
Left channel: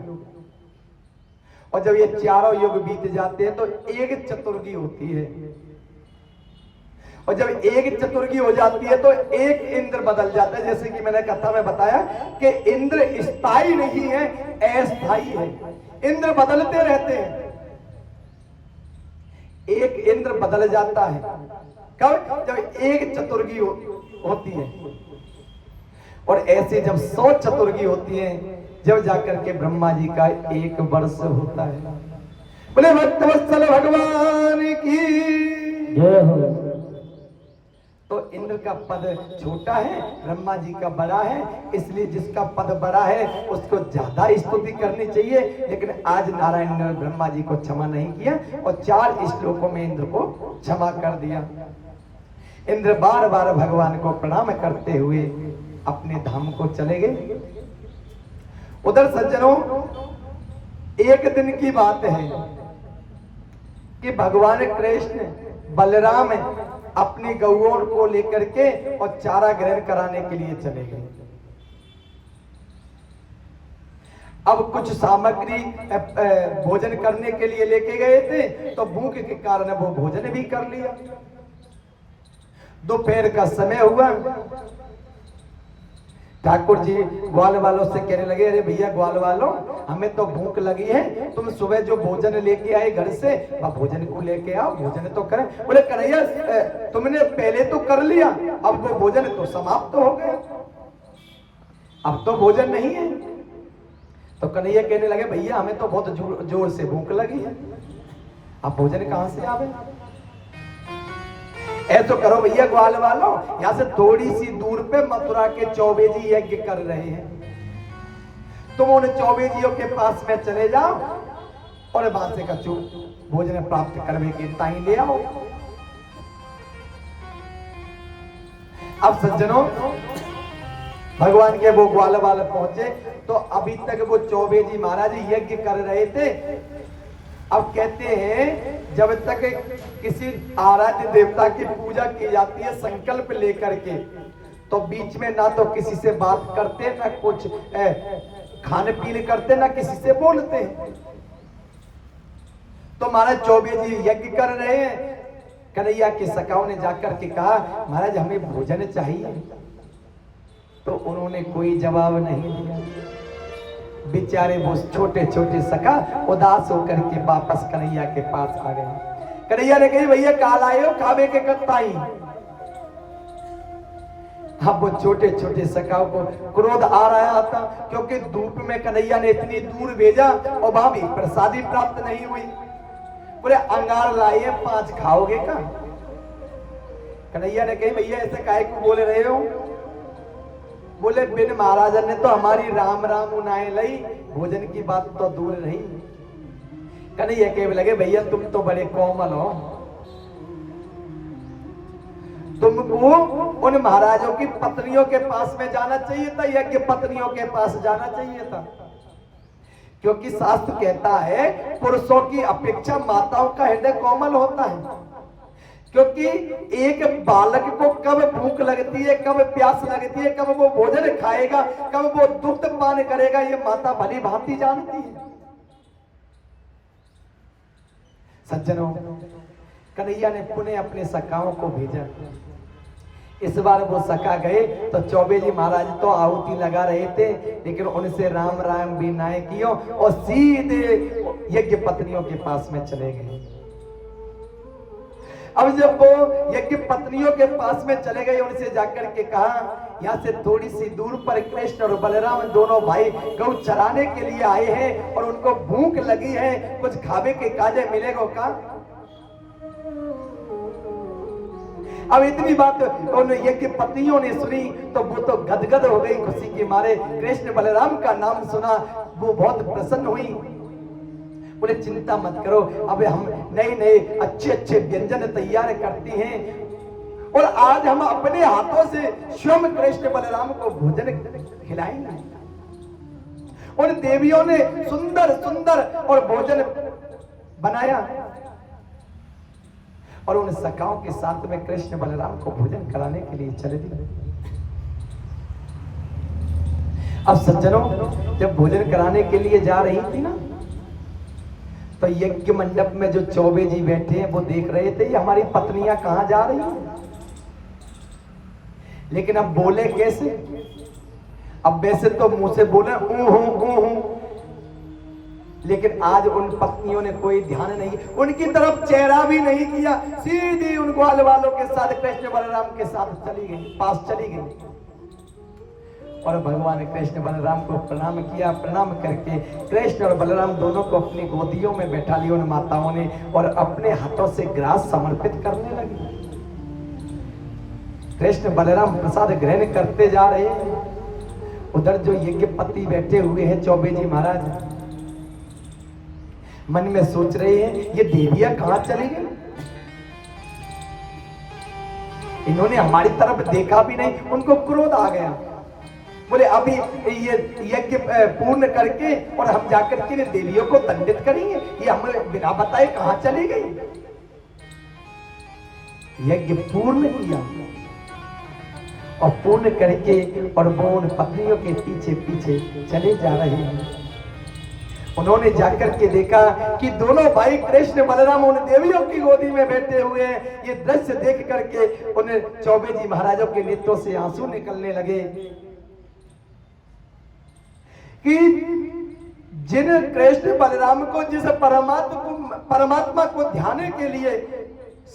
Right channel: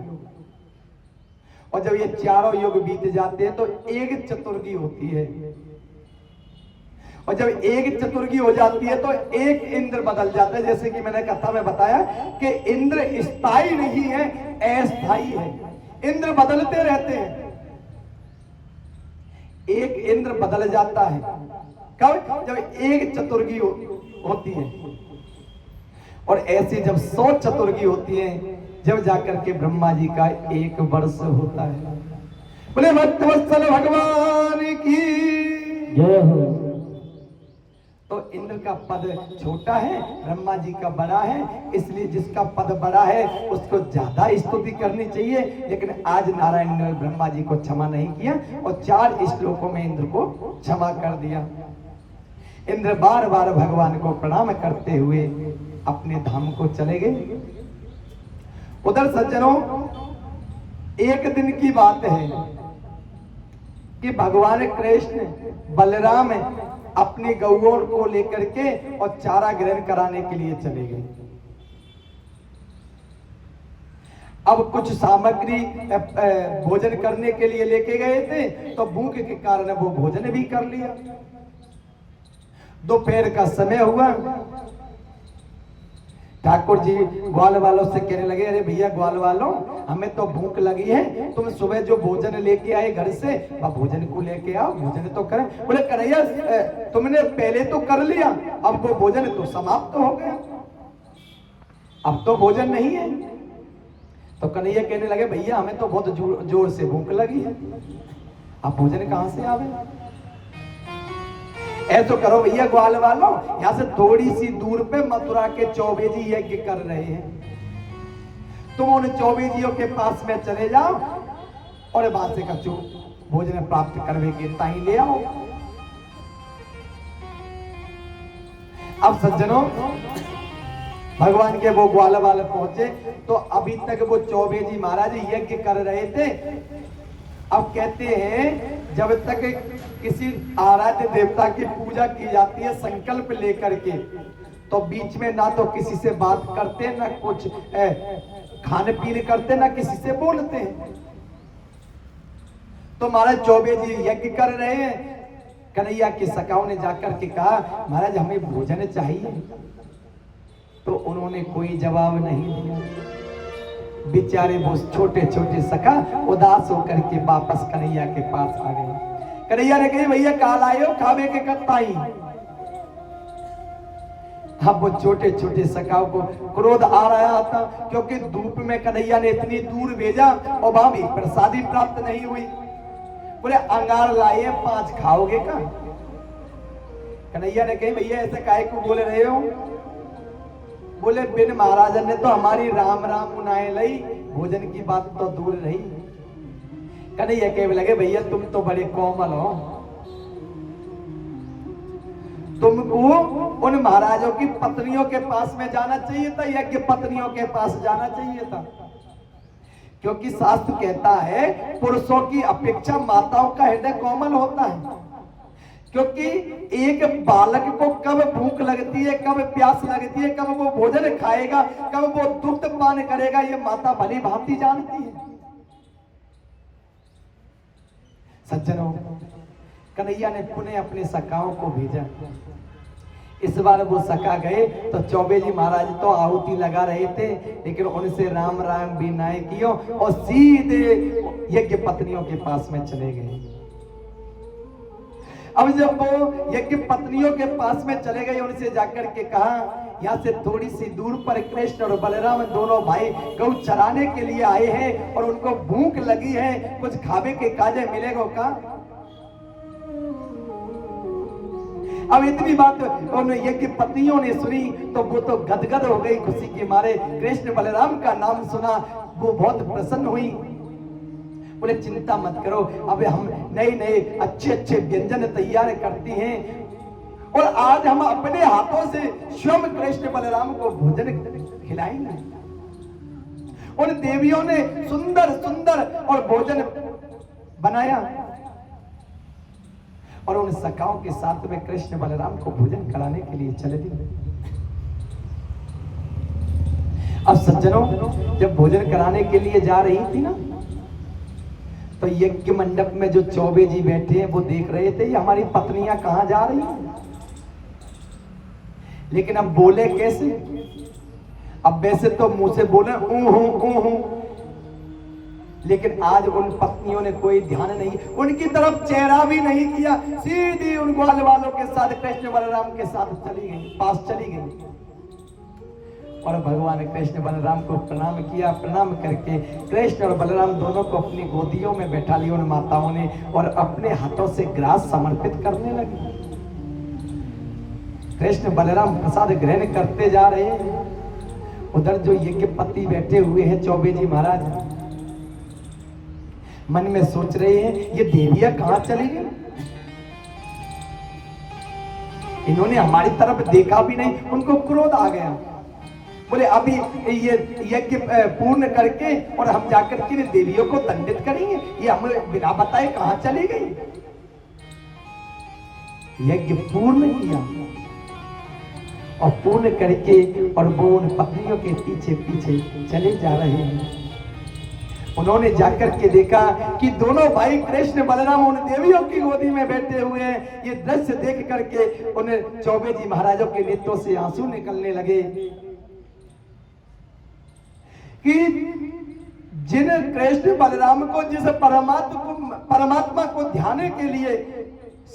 और जब ये चारों युग बीत जाते हैं तो एक चतुर्गी होती है, और जब एक चतुर्गी हो जाती है तो एक इंद्र बदल जाता है। जैसे कि मैंने कथा में बताया कि इंद्र स्थायी नहीं है, अस्थायी है। इंद्र बदलते रहते हैं, एक इंद्र बदल जाता है कब? जब एक चतुर्गी होती है, और ऐसे जब 100 चतुर्गी होती है जब जाकर के ब्रह्मा जी का 1 वर्ष होता है। बोले भक्तवत्सल भगवान की जय हो। तो इंद्र का पद छोटा है, ब्रह्मा जी का बड़ा है, इसलिए जिसका पद बड़ा है उसको ज्यादा स्तुति करनी चाहिए। लेकिन आज नारायण ने ब्रह्मा जी को क्षमा नहीं किया और 4 श्लोकों में इंद्र को क्षमा कर दिया। इंद्र बार बार भगवान को प्रणाम करते हुए अपने धाम को चले गए। उधर सज्जनों, एक दिन की बात है कि भगवान कृष्ण बलराम अपनी गौओं को लेकर के और चारा ग्रहण कराने के लिए चले गए। अब कुछ सामग्री भोजन करने के लिए लेके गए थे, तो भूख के कारण वो भोजन भी कर लिया। दोपहर का समय हुआ, ठाकुर जी ग्वाल वालों से कहने लगे, अरे भैया ग्वाल वालों, हमें तो भूख लगी है, तुम सुबह जो भोजन लेके आए घर से, अब भोजन को लेके आओ, भोजन तो करें। बोले कन्हैया तुमने पहले तो कर लिया, अब वो भोजन तो समाप्त हो गया, अब तो भोजन नहीं है। तो कन्हैया कहने लगे, भैया हमें तो बहुत जोर से भूख लगी है, अब भोजन कहां से आवे? ऐसा करो भैया ग्वाल वालों, यहां से थोड़ी सी दूर पे मथुरा के चौबे जी यज्ञ कर रहे हैं, तुम उन चौबे जियों के पास में चले जाओ और वहां से कछु भोजन प्राप्त करने के ताई ले आओ। अब सज्जनों, भगवान के वो ग्वाल वाले पहुंचे तो अभी तक वो चौबे जी महाराज यज्ञ कर रहे थे। अब कहते हैं जब तक किसी आराध्य देवता की पूजा की जाती है संकल्प लेकर के, तो बीच में ना तो किसी से बात करते, ना कुछ खाने पीने करते, ना किसी से बोलते हैं। तो महाराज चौबे जी यज्ञ कर रहे हैं। कन्हैया की सखाओं ने जाकर के कहा, महाराज हमें भोजन चाहिए। तो उन्होंने कोई जवाब नहीं दिया। बेचारे वो छोटे छोटे सखा उदास होकर के वापस कन्हैया के पास आ गए। कन्हैया ने कही भैया काल आए हो खावे के कत पाई। अब वो छोटे छोटे सखाओं को क्रोध आ रहा था क्योंकि धूप में कन्हैया ने इतनी दूर भेजा और वहां भी प्रसादी प्राप्त नहीं हुई। बोले अंगार लाए 5 खाओगे का? कन्हैया ने कही भैया ऐसे काहे को बोल रहे हो? बोले बिन महाराजन ने तो हमारी राम राम उनाए लई, भोजन की बात तो दूर रही। कन्हैया कहने लगे भैया तुम तो बड़े कोमल हो, तुमको उन महाराजों की पत्नियों के पास में जाना चाहिए था, यज्ञ पत्नियों के पास जाना चाहिए था। क्योंकि शास्त्र कहता है पुरुषों की अपेक्षा माताओं का हृदय कोमल होता है। क्योंकि एक बालक को कब भूख लगती है, कब प्यास लगती है, कब वो भोजन खाएगा, कब वो दुग्ध पान करेगा, ये माता भली भांति जानती है। सज्जनों, कन्हैया ने पुनः अपने सखाओं को भेजा। इस बार वो सखा गए तो चौबे जी महाराज तो आहुति लगा रहे थे, लेकिन उनसे राम राम भी नाय कियो और सीधे यज्ञ पत्नियों के पास में चले गए। अब जब वो यज्ञ पत्नियों के पास में चले गए, उनसे जाकर के कहा यहाँ से थोड़ी सी दूर पर कृष्ण और बलराम दोनों भाई गौ चराने के लिए आए हैं और उनको भूख लगी है, कुछ खावे के काजे मिलेगा का? अब इतनी बात उन यज्ञ पत्नियों ने सुनी तो वो तो गदगद हो गई खुशी के मारे। कृष्ण बलराम का नाम सुना, वो बहुत प्रसन्न हुई। बोले चिंता मत करो, अब हम नए नए अच्छे अच्छे व्यंजन तैयार करती हैं और आज हम अपने हाथों से स्वयं कृष्ण बलराम को भोजन खिलाएंगे। उन देवियों ने सुंदर सुंदर और भोजन बनाया और उन सखाओं के साथ में कृष्ण बलराम को भोजन कराने के लिए चले गए। अब सज्जनों, जब भोजन कराने के लिए जा रही थी ना, तो यज्ञ मंडप में जो चौबे जी बैठे हैं वो देख रहे थे ये हमारी पत्नियां कहां जा रही हैं। लेकिन अब बोले कैसे? अब वैसे तो मुंह से बोले लेकिन आज उन पत्नियों ने कोई ध्यान नहीं, उनकी तरफ चेहरा भी नहीं किया, सीधी उन ग्वाल वालों के साथ कृष्ण बलराम के साथ चली गई, पास चली गई और भगवान कृष्ण बलराम को प्रणाम किया। प्रणाम करके कृष्ण और बलराम दोनों को अपनी गोदियों में बैठा लिया उन माताओं ने और अपने हाथों से ग्रास समर्पित करने लगे। कृष्ण बलराम प्रसाद ग्रहण करते जा रहे हैं। उधर जो यज्ञपति बैठे हुए हैं चौबे जी महाराज, मन में सोच रहे हैं ये देवियां कहां चली गई, इन्होंने हमारी तरफ देखा भी नहीं। उनको क्रोध आ गया। बोले अभी ये यज्ञ पूर्ण करके और हम जाकर के देवियों को दंडित करेंगे, ये हमें बिना बताए कहां चली गई। यज्ञ पूर्ण किया और पूर्ण करके और वो उन पत्नियों के पीछे पीछे चले जा रहे हैं। उन्होंने जाकर के देखा कि दोनों भाई कृष्ण बलराम उन देवियों की गोदी में बैठे हुए हैं। ये दृश्य देख करके उन्हें चौबे जी महाराजों के नेत्रों से आंसू निकलने लगे कि जिन कृष्ण बलराम को, जिस परमात्मा को ध्यान के लिए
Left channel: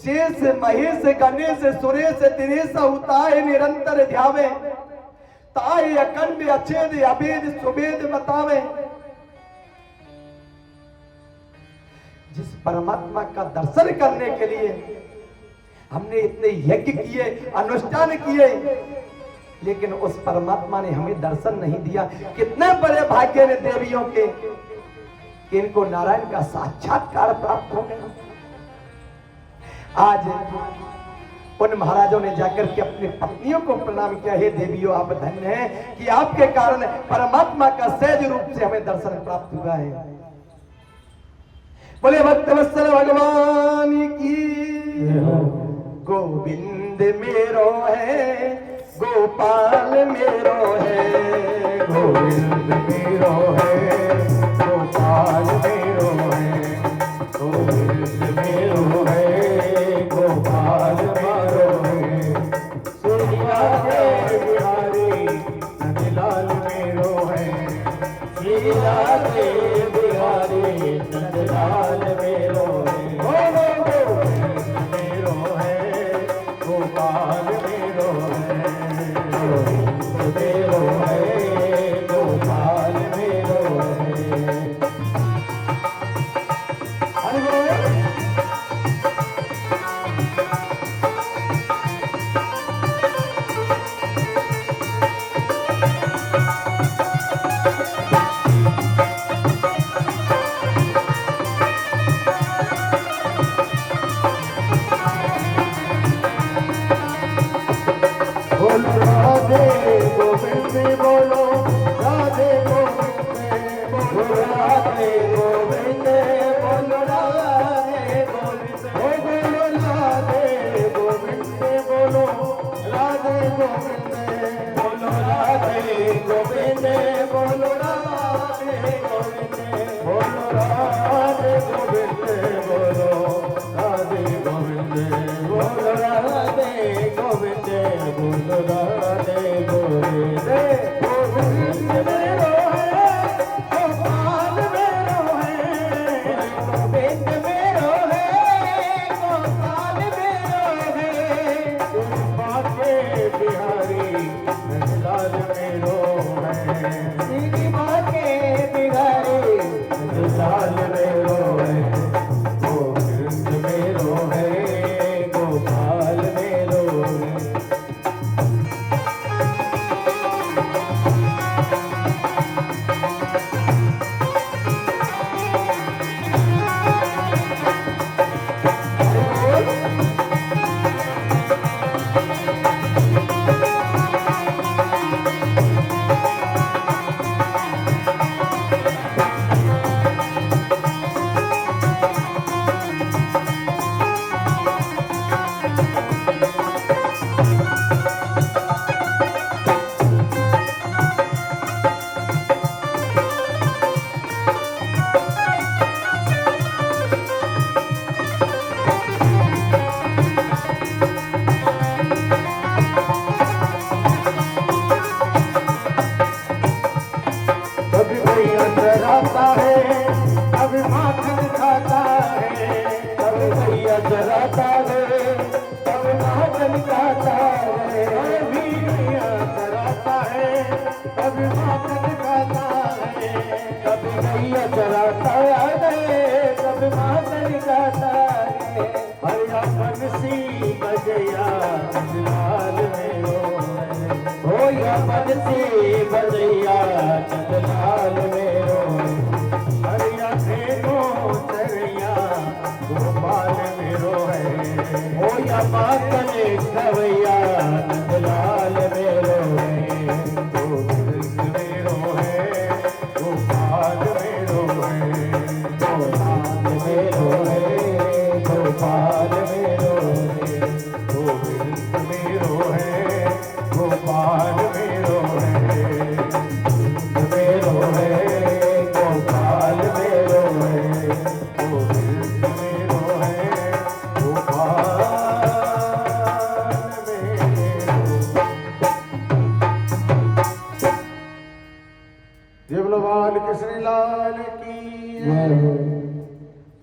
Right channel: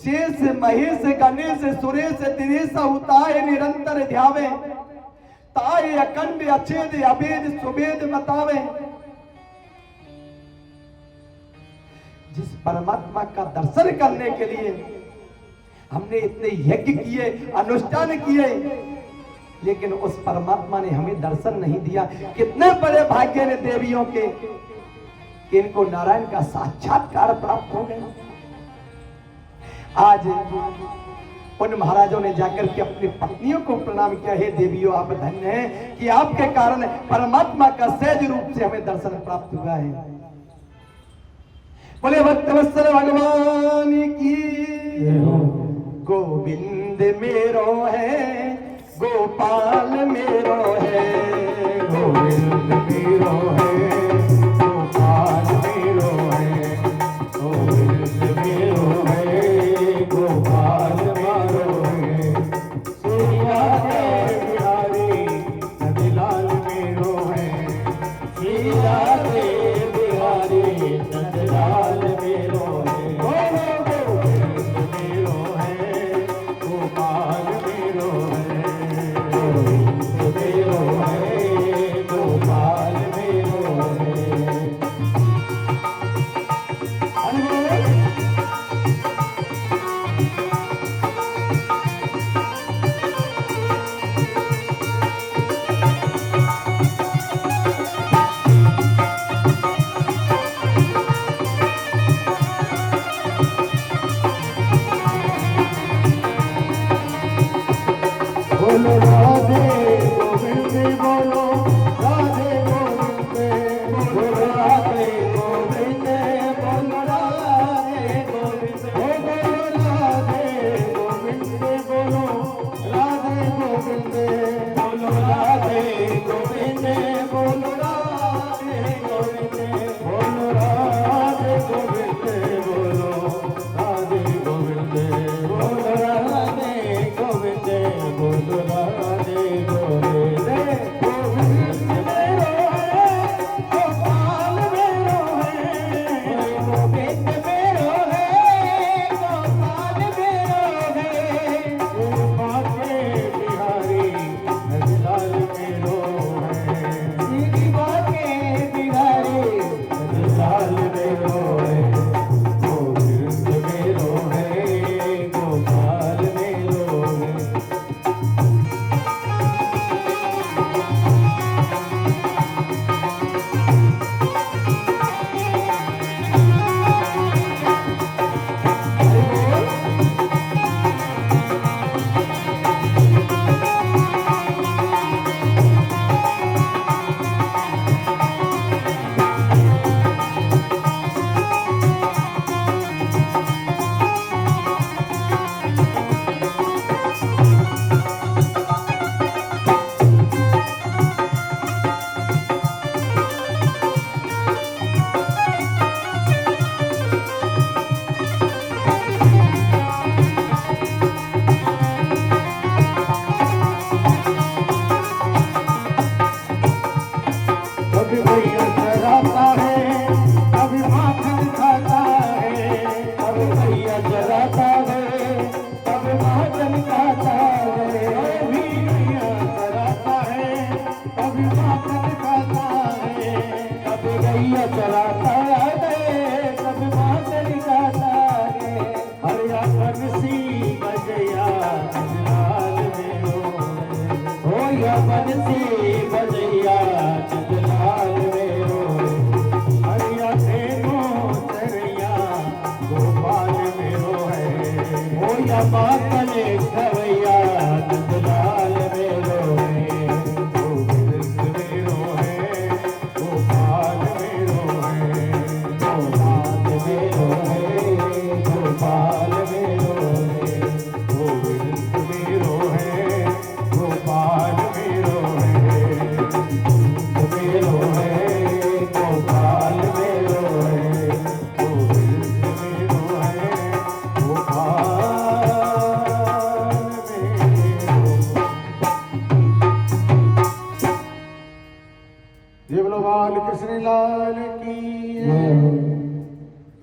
शेष महेश गणेश सुरेश दिनेश उताए निरंतर ध्यावे, ताए अखंड अछेद अभेद सुभेद बतावे, जिस परमात्मा का दर्शन करने के लिए हमने इतने यज्ञ किए, अनुष्ठान किए, लेकिन उस परमात्मा ने हमें दर्शन नहीं दिया। कितने बड़े भाग्य ने देवियों के कि इनको नारायण का साक्षात्कार प्राप्त हो गया। आज उन महाराजों ने जाकर के अपनी पत्नियों को प्रणाम किया, हे देवियों आप धन्य हैं कि आपके कारण परमात्मा का सहज रूप से हमें दर्शन प्राप्त हुआ है। बोले भक्तवत्सल भगवान की, गोविंद मेरो है गोपाल मेरो है, गोविंद मेरो है गोपाल मेरो है, गोविंद मेरो है गोपाल मेरो है, श्री राधे बिहारी नंदलाल मेरो है, श्री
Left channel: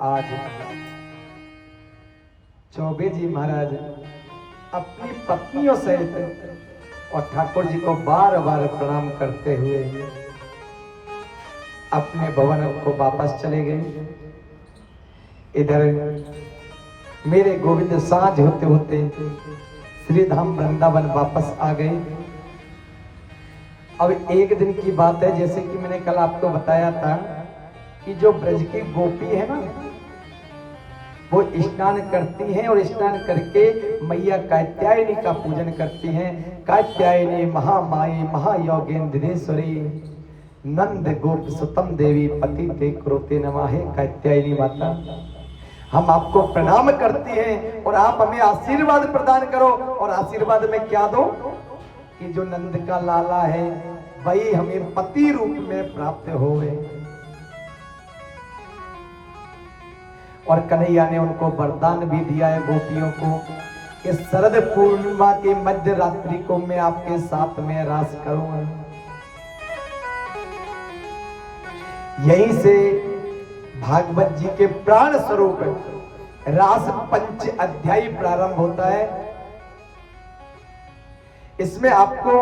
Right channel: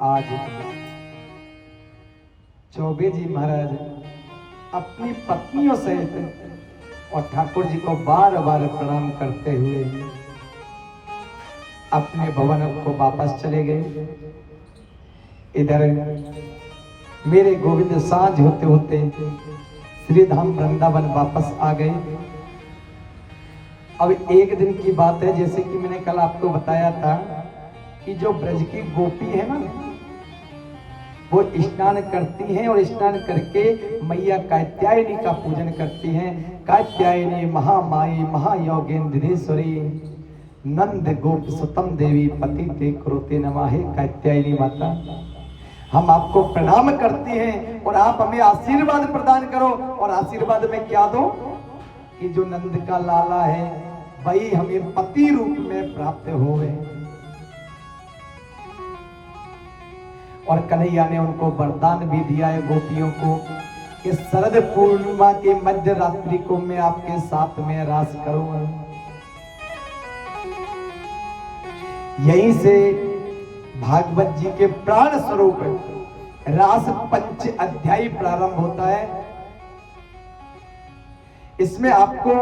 आज चौबे जी महाराज अपनी पत्नियों सहित और ठाकुर जी को बार बार प्रणाम करते हुए अपने भवन को वापस चले गए। इधर मेरे गोविंद सांझ होते होते श्री धाम वृंदावन वापस आ गए। अब एक दिन की बात है, जैसे कि मैंने कल आपको बताया था कि जो ब्रज की गोपी है ना, वो स्नान करती हैं और स्नान करके मैया कात्यायनी का पूजन करती हैं। कात्यायनी महामाई महायोगेंद्रेश्वरी नंद गोप सुतम देवी पति ते क्रोते नमः। है कात्यायनी माता, हम आपको प्रणाम करती हैं और आप हमें आशीर्वाद प्रदान करो। और आशीर्वाद में क्या दो कि जो नंद का लाला है वही हमें पति रूप में प्राप्त होवे। और कन्हैया ने उनको वरदान भी दिया है गोपियों को कि शरद पूर्णिमा की मध्य रात्रि को मैं आपके साथ में रास करूंगा। यहीं से भागवत जी के प्राण स्वरूप रास पंच अध्याय प्रारंभ होता है। इसमें आपको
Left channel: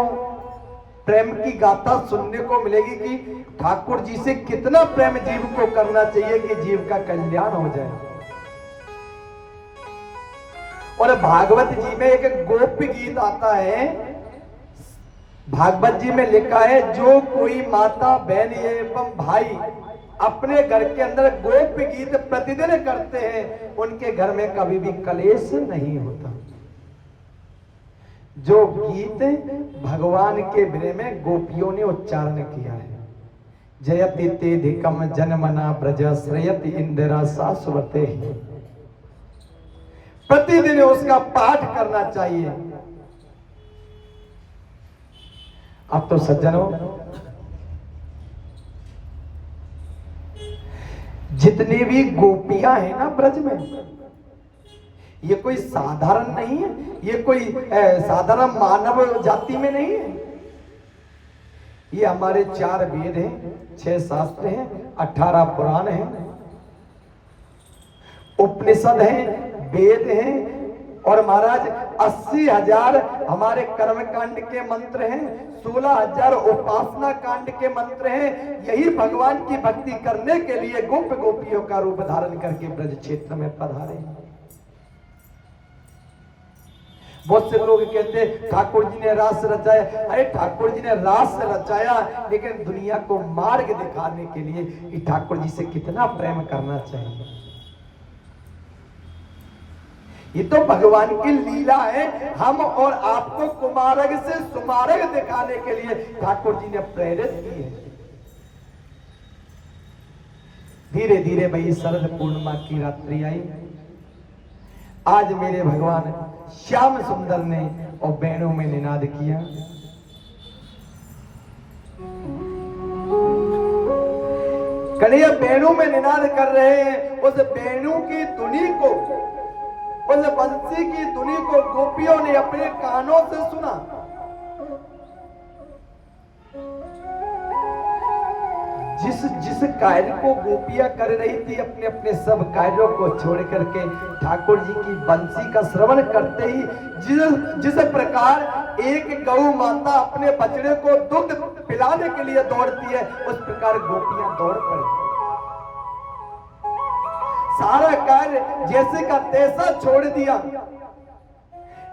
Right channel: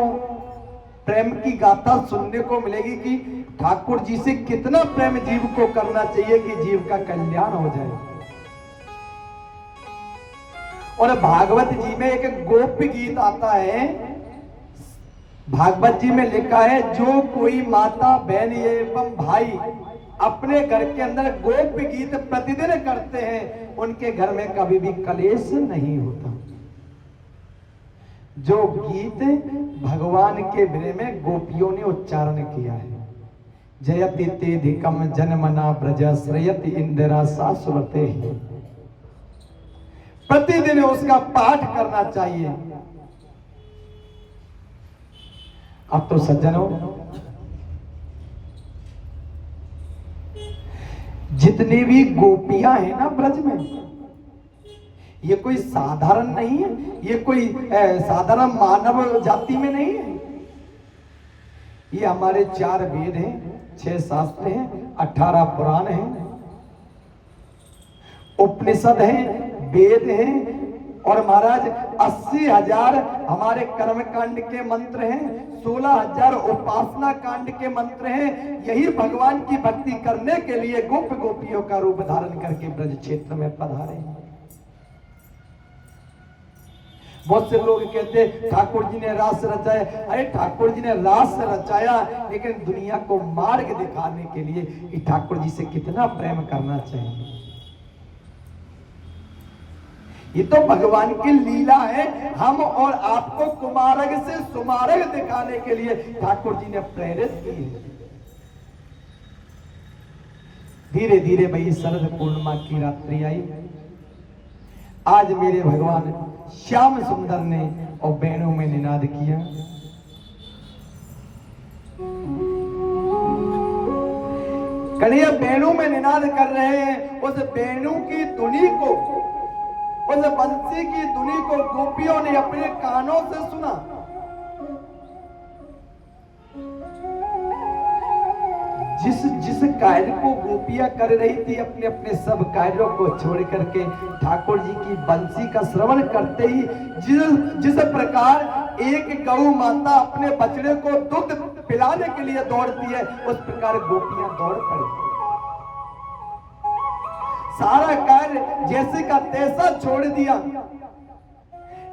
प्रेम की गाथा सुनने को मिलेगी कि ठाकुर जी से कितना प्रेम जीव को करना चाहिए कि जीव का कल्याण हो जाए। और भागवत जी में एक गोप गीत आता है। भागवत जी में लिखा है, जो कोई माता बहन एवं भाई अपने घर के अंदर गोप गीत प्रतिदिन करते हैं, उनके घर में कभी भी कलेश नहीं होता। जो गीत भगवान के विरह में गोपियों ने उच्चारण किया है। जयति तेधिकम जनमना ब्रज श्रयति इंदिरा शाश्वते। प्रतिदिन उसका पाठ करना चाहिए। अब तो सज्जनों, जितनी भी गोपियां हैं ना ब्रज में, ये कोई साधारण नहीं है, ये कोई साधारण मानव जाति में नहीं है। ये हमारे 4 वेद हैं, 6 शास्त्र हैं, 18 पुराण हैं, उपनिषद हैं, वेद हैं, और महाराज 80,000 हमारे कर्मकांड के मंत्र हैं, 16,000 उपासना कांड के मंत्र हैं। यही भगवान की भक्ति करने के लिए गोप गोपियों का रूप धारण करके ब्रज क्षेत्र में पधारे। बहुत से लोग कहते ठाकुर जी ने रास रचाया। अरे ठाकुर जी ने रास रचाया, लेकिन दुनिया को मार्ग दिखाने के लिए कि ठाकुर जी से कितना प्रेम करना चाहिए। ये तो भगवान की लीला है। हम और आपको कुमारग से सुमारग दिखाने के लिए ठाकुर जी ने प्रेरित की है। धीरे धीरे भाई शरद पूर्णिमा की रात्रि आई। आज मेरे भगवान श्याम सुंदर ने और वेणु में निनाद किया। कन्हैया वेणु में निनाद कर रहे हैं। उस वेणु की धुनी को, उस बंसी की धुनी को गोपियों ने अपने कानों से सुना। जिस कार्य को गोपियां कर रही थी, अपने अपने सब कार्यों को छोड़ करके ठाकुर जी की बंसी का श्रवण करते ही, जिस प्रकार एक गौ माता अपने बछड़े को दूध पिलाने के लिए दौड़ती है, उस प्रकार गोपियां दौड़ पड़ी। सारा कार्य जैसे का तैसा छोड़ दिया।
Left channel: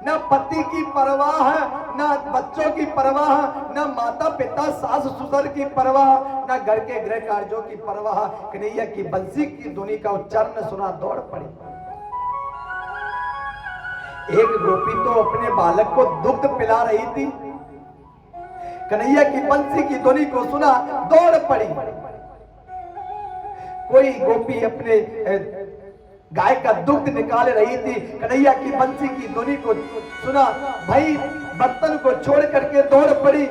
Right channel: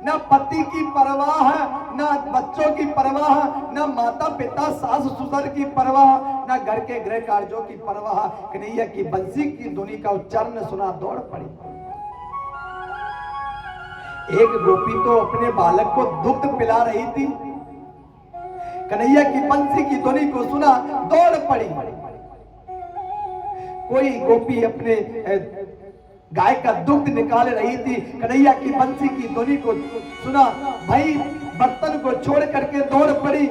ना पति की परवाह है, ना बच्चों की परवाह, ना माता पिता सास ससुर की परवाह, ना घर के गृह कार्यों की परवाह। कन्हैया की बंसी की धुनी का उच्चारण सुना दौड़ पड़ी। एक गोपी तो अपने बालक को दुग्ध पिला रही थी, कन्हैया की बंसी की धुनी को सुना दौड़ पड़ी। कोई गोपी अपने गाय का दुग्ध निकाल रही थी, कन्हैया की बंसी की धुनी को सुना, भाई बर्तन को छोड़ करके दौड़ पड़ी।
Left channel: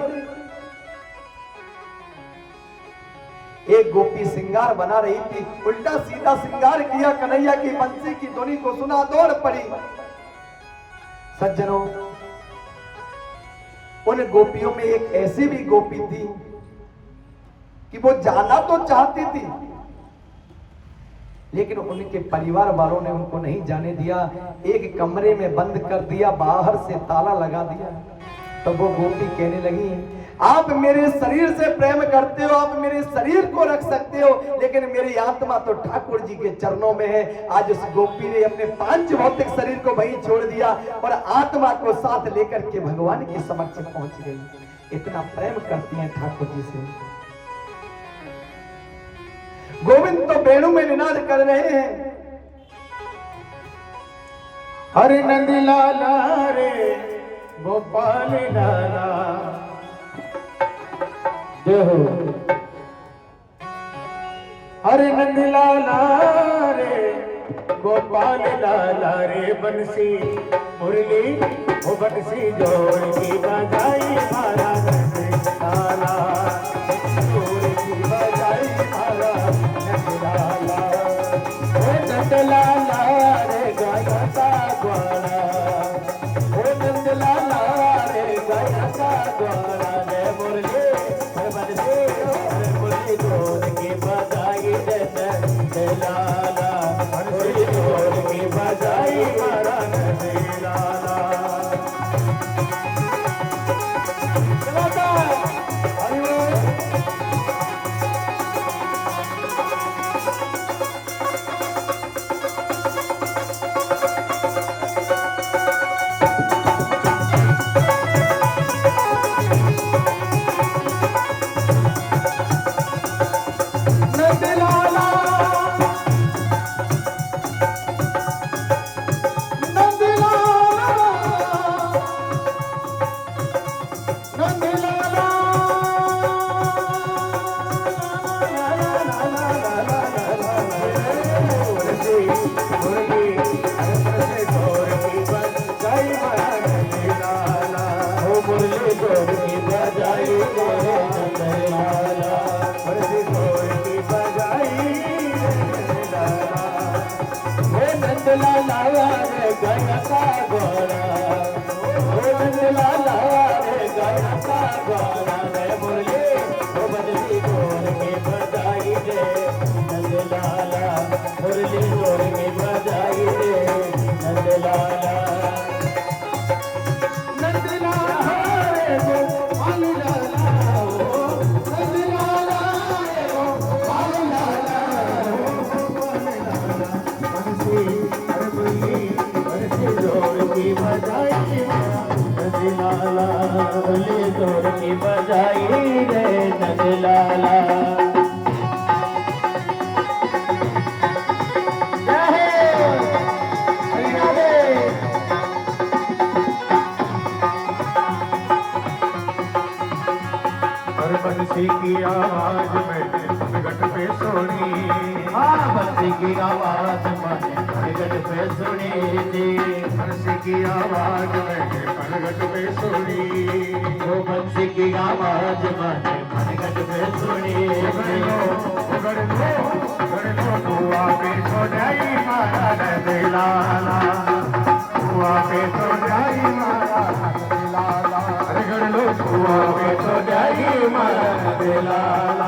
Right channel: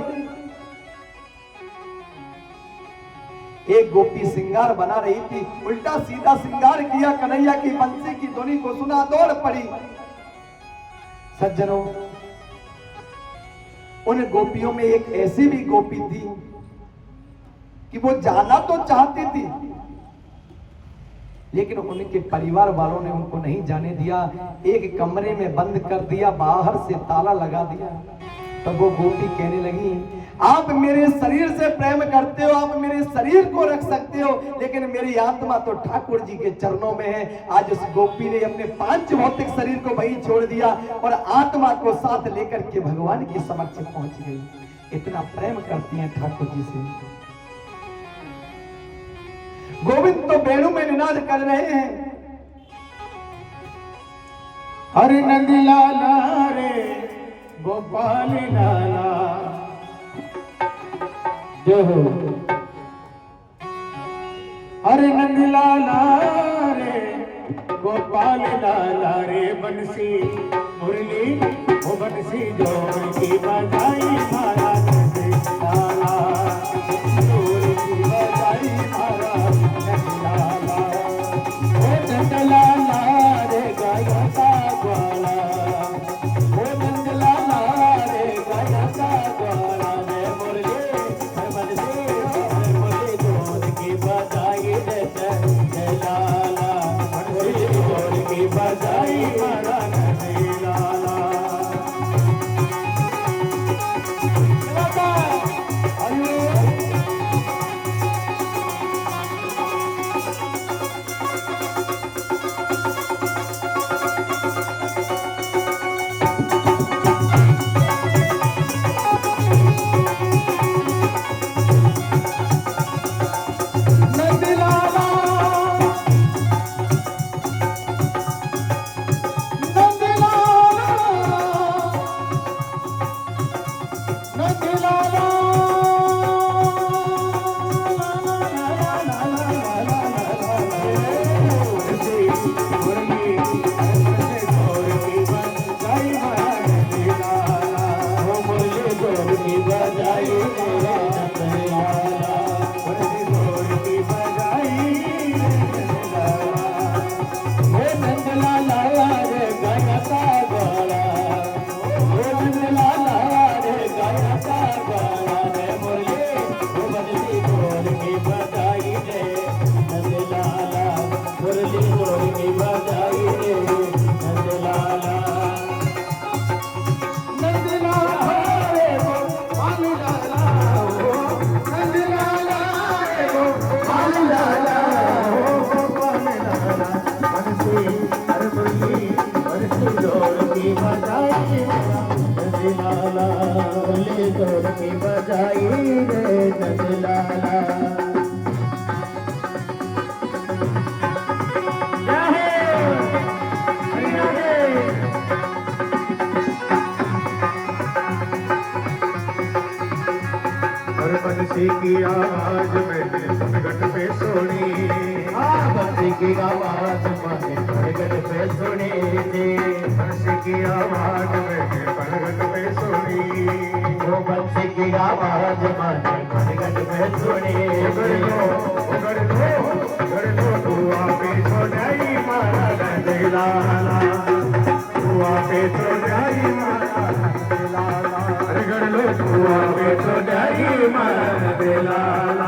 एक गोपी श्रृंगार बना रही थी, उल्टा सीधा श्रृंगार किया, कन्हैया की बंसी की धुनी को सुना दौड़ पड़ी। सज्जनों, उन गोपियों में एक ऐसी भी गोपी थी कि वो जाना तो चाहती थी, लेकिन उनके परिवार वालों ने उनको नहीं जाने दिया। एक कमरे में बंद कर दिया, बाहर से ताला लगा दिया। तब वो गोपी कहने लगी, आप मेरे शरीर से प्रेम करते हो, आप मेरे शरीर को रख सकते हो, लेकिन मेरी आत्मा तो ठाकुर जी के चरणों में है। आज उस गोपी ने अपने 5 भौतिक शरीर को वहीं छोड़ दिया और आत्मा को साथ लेकर के भगवान के समक्ष पहुंच गई। इतना प्रेम करती हैं ठाकुर जी से। गोविंद तो वेणु में निनाद कर रहे हैं, हरे नंद लाला रे गोपाल लाला जय हो। हरे नंद लाला रे गोपाल लाला रे, बंसी मुरली ओ बंसी जोड़ की बजाई मारा नंद लाला, जोड़ की बजाई मारा नंद लाला रे गाया का ग्वाला, ओ नंद लाला रे गाया का ग्वाला, रे मुरली बंसी मुरली जोड़ की बजाई नंद लाला, मुरली जोड़ की बजाई मारा नंद लाला। बोला रे मुरली वो बजती ढोल की बजाई रे नंद लाला मुरली ढोल की बजाई रे नंद लाला रे वो कालू लाला नंद लाला रे वो कालू लाला अरे मुरली बजती ढोल की बजाई नंदलाला बल्ले तोड़ की बजाई रे नंदलाला हर बंसी की आवाज में गट पे सोनी बंसी की आवाज में गट पे सुनी थी बंसी की आवाज में गट पे सुनी वो बंसी की आवाज में गट पे सुनी हुआ पे सोनाई मारा नंदलाला हुआ पे सोनाई मारा नंदलाला हुआ पे सोनाई मारा नंदलाला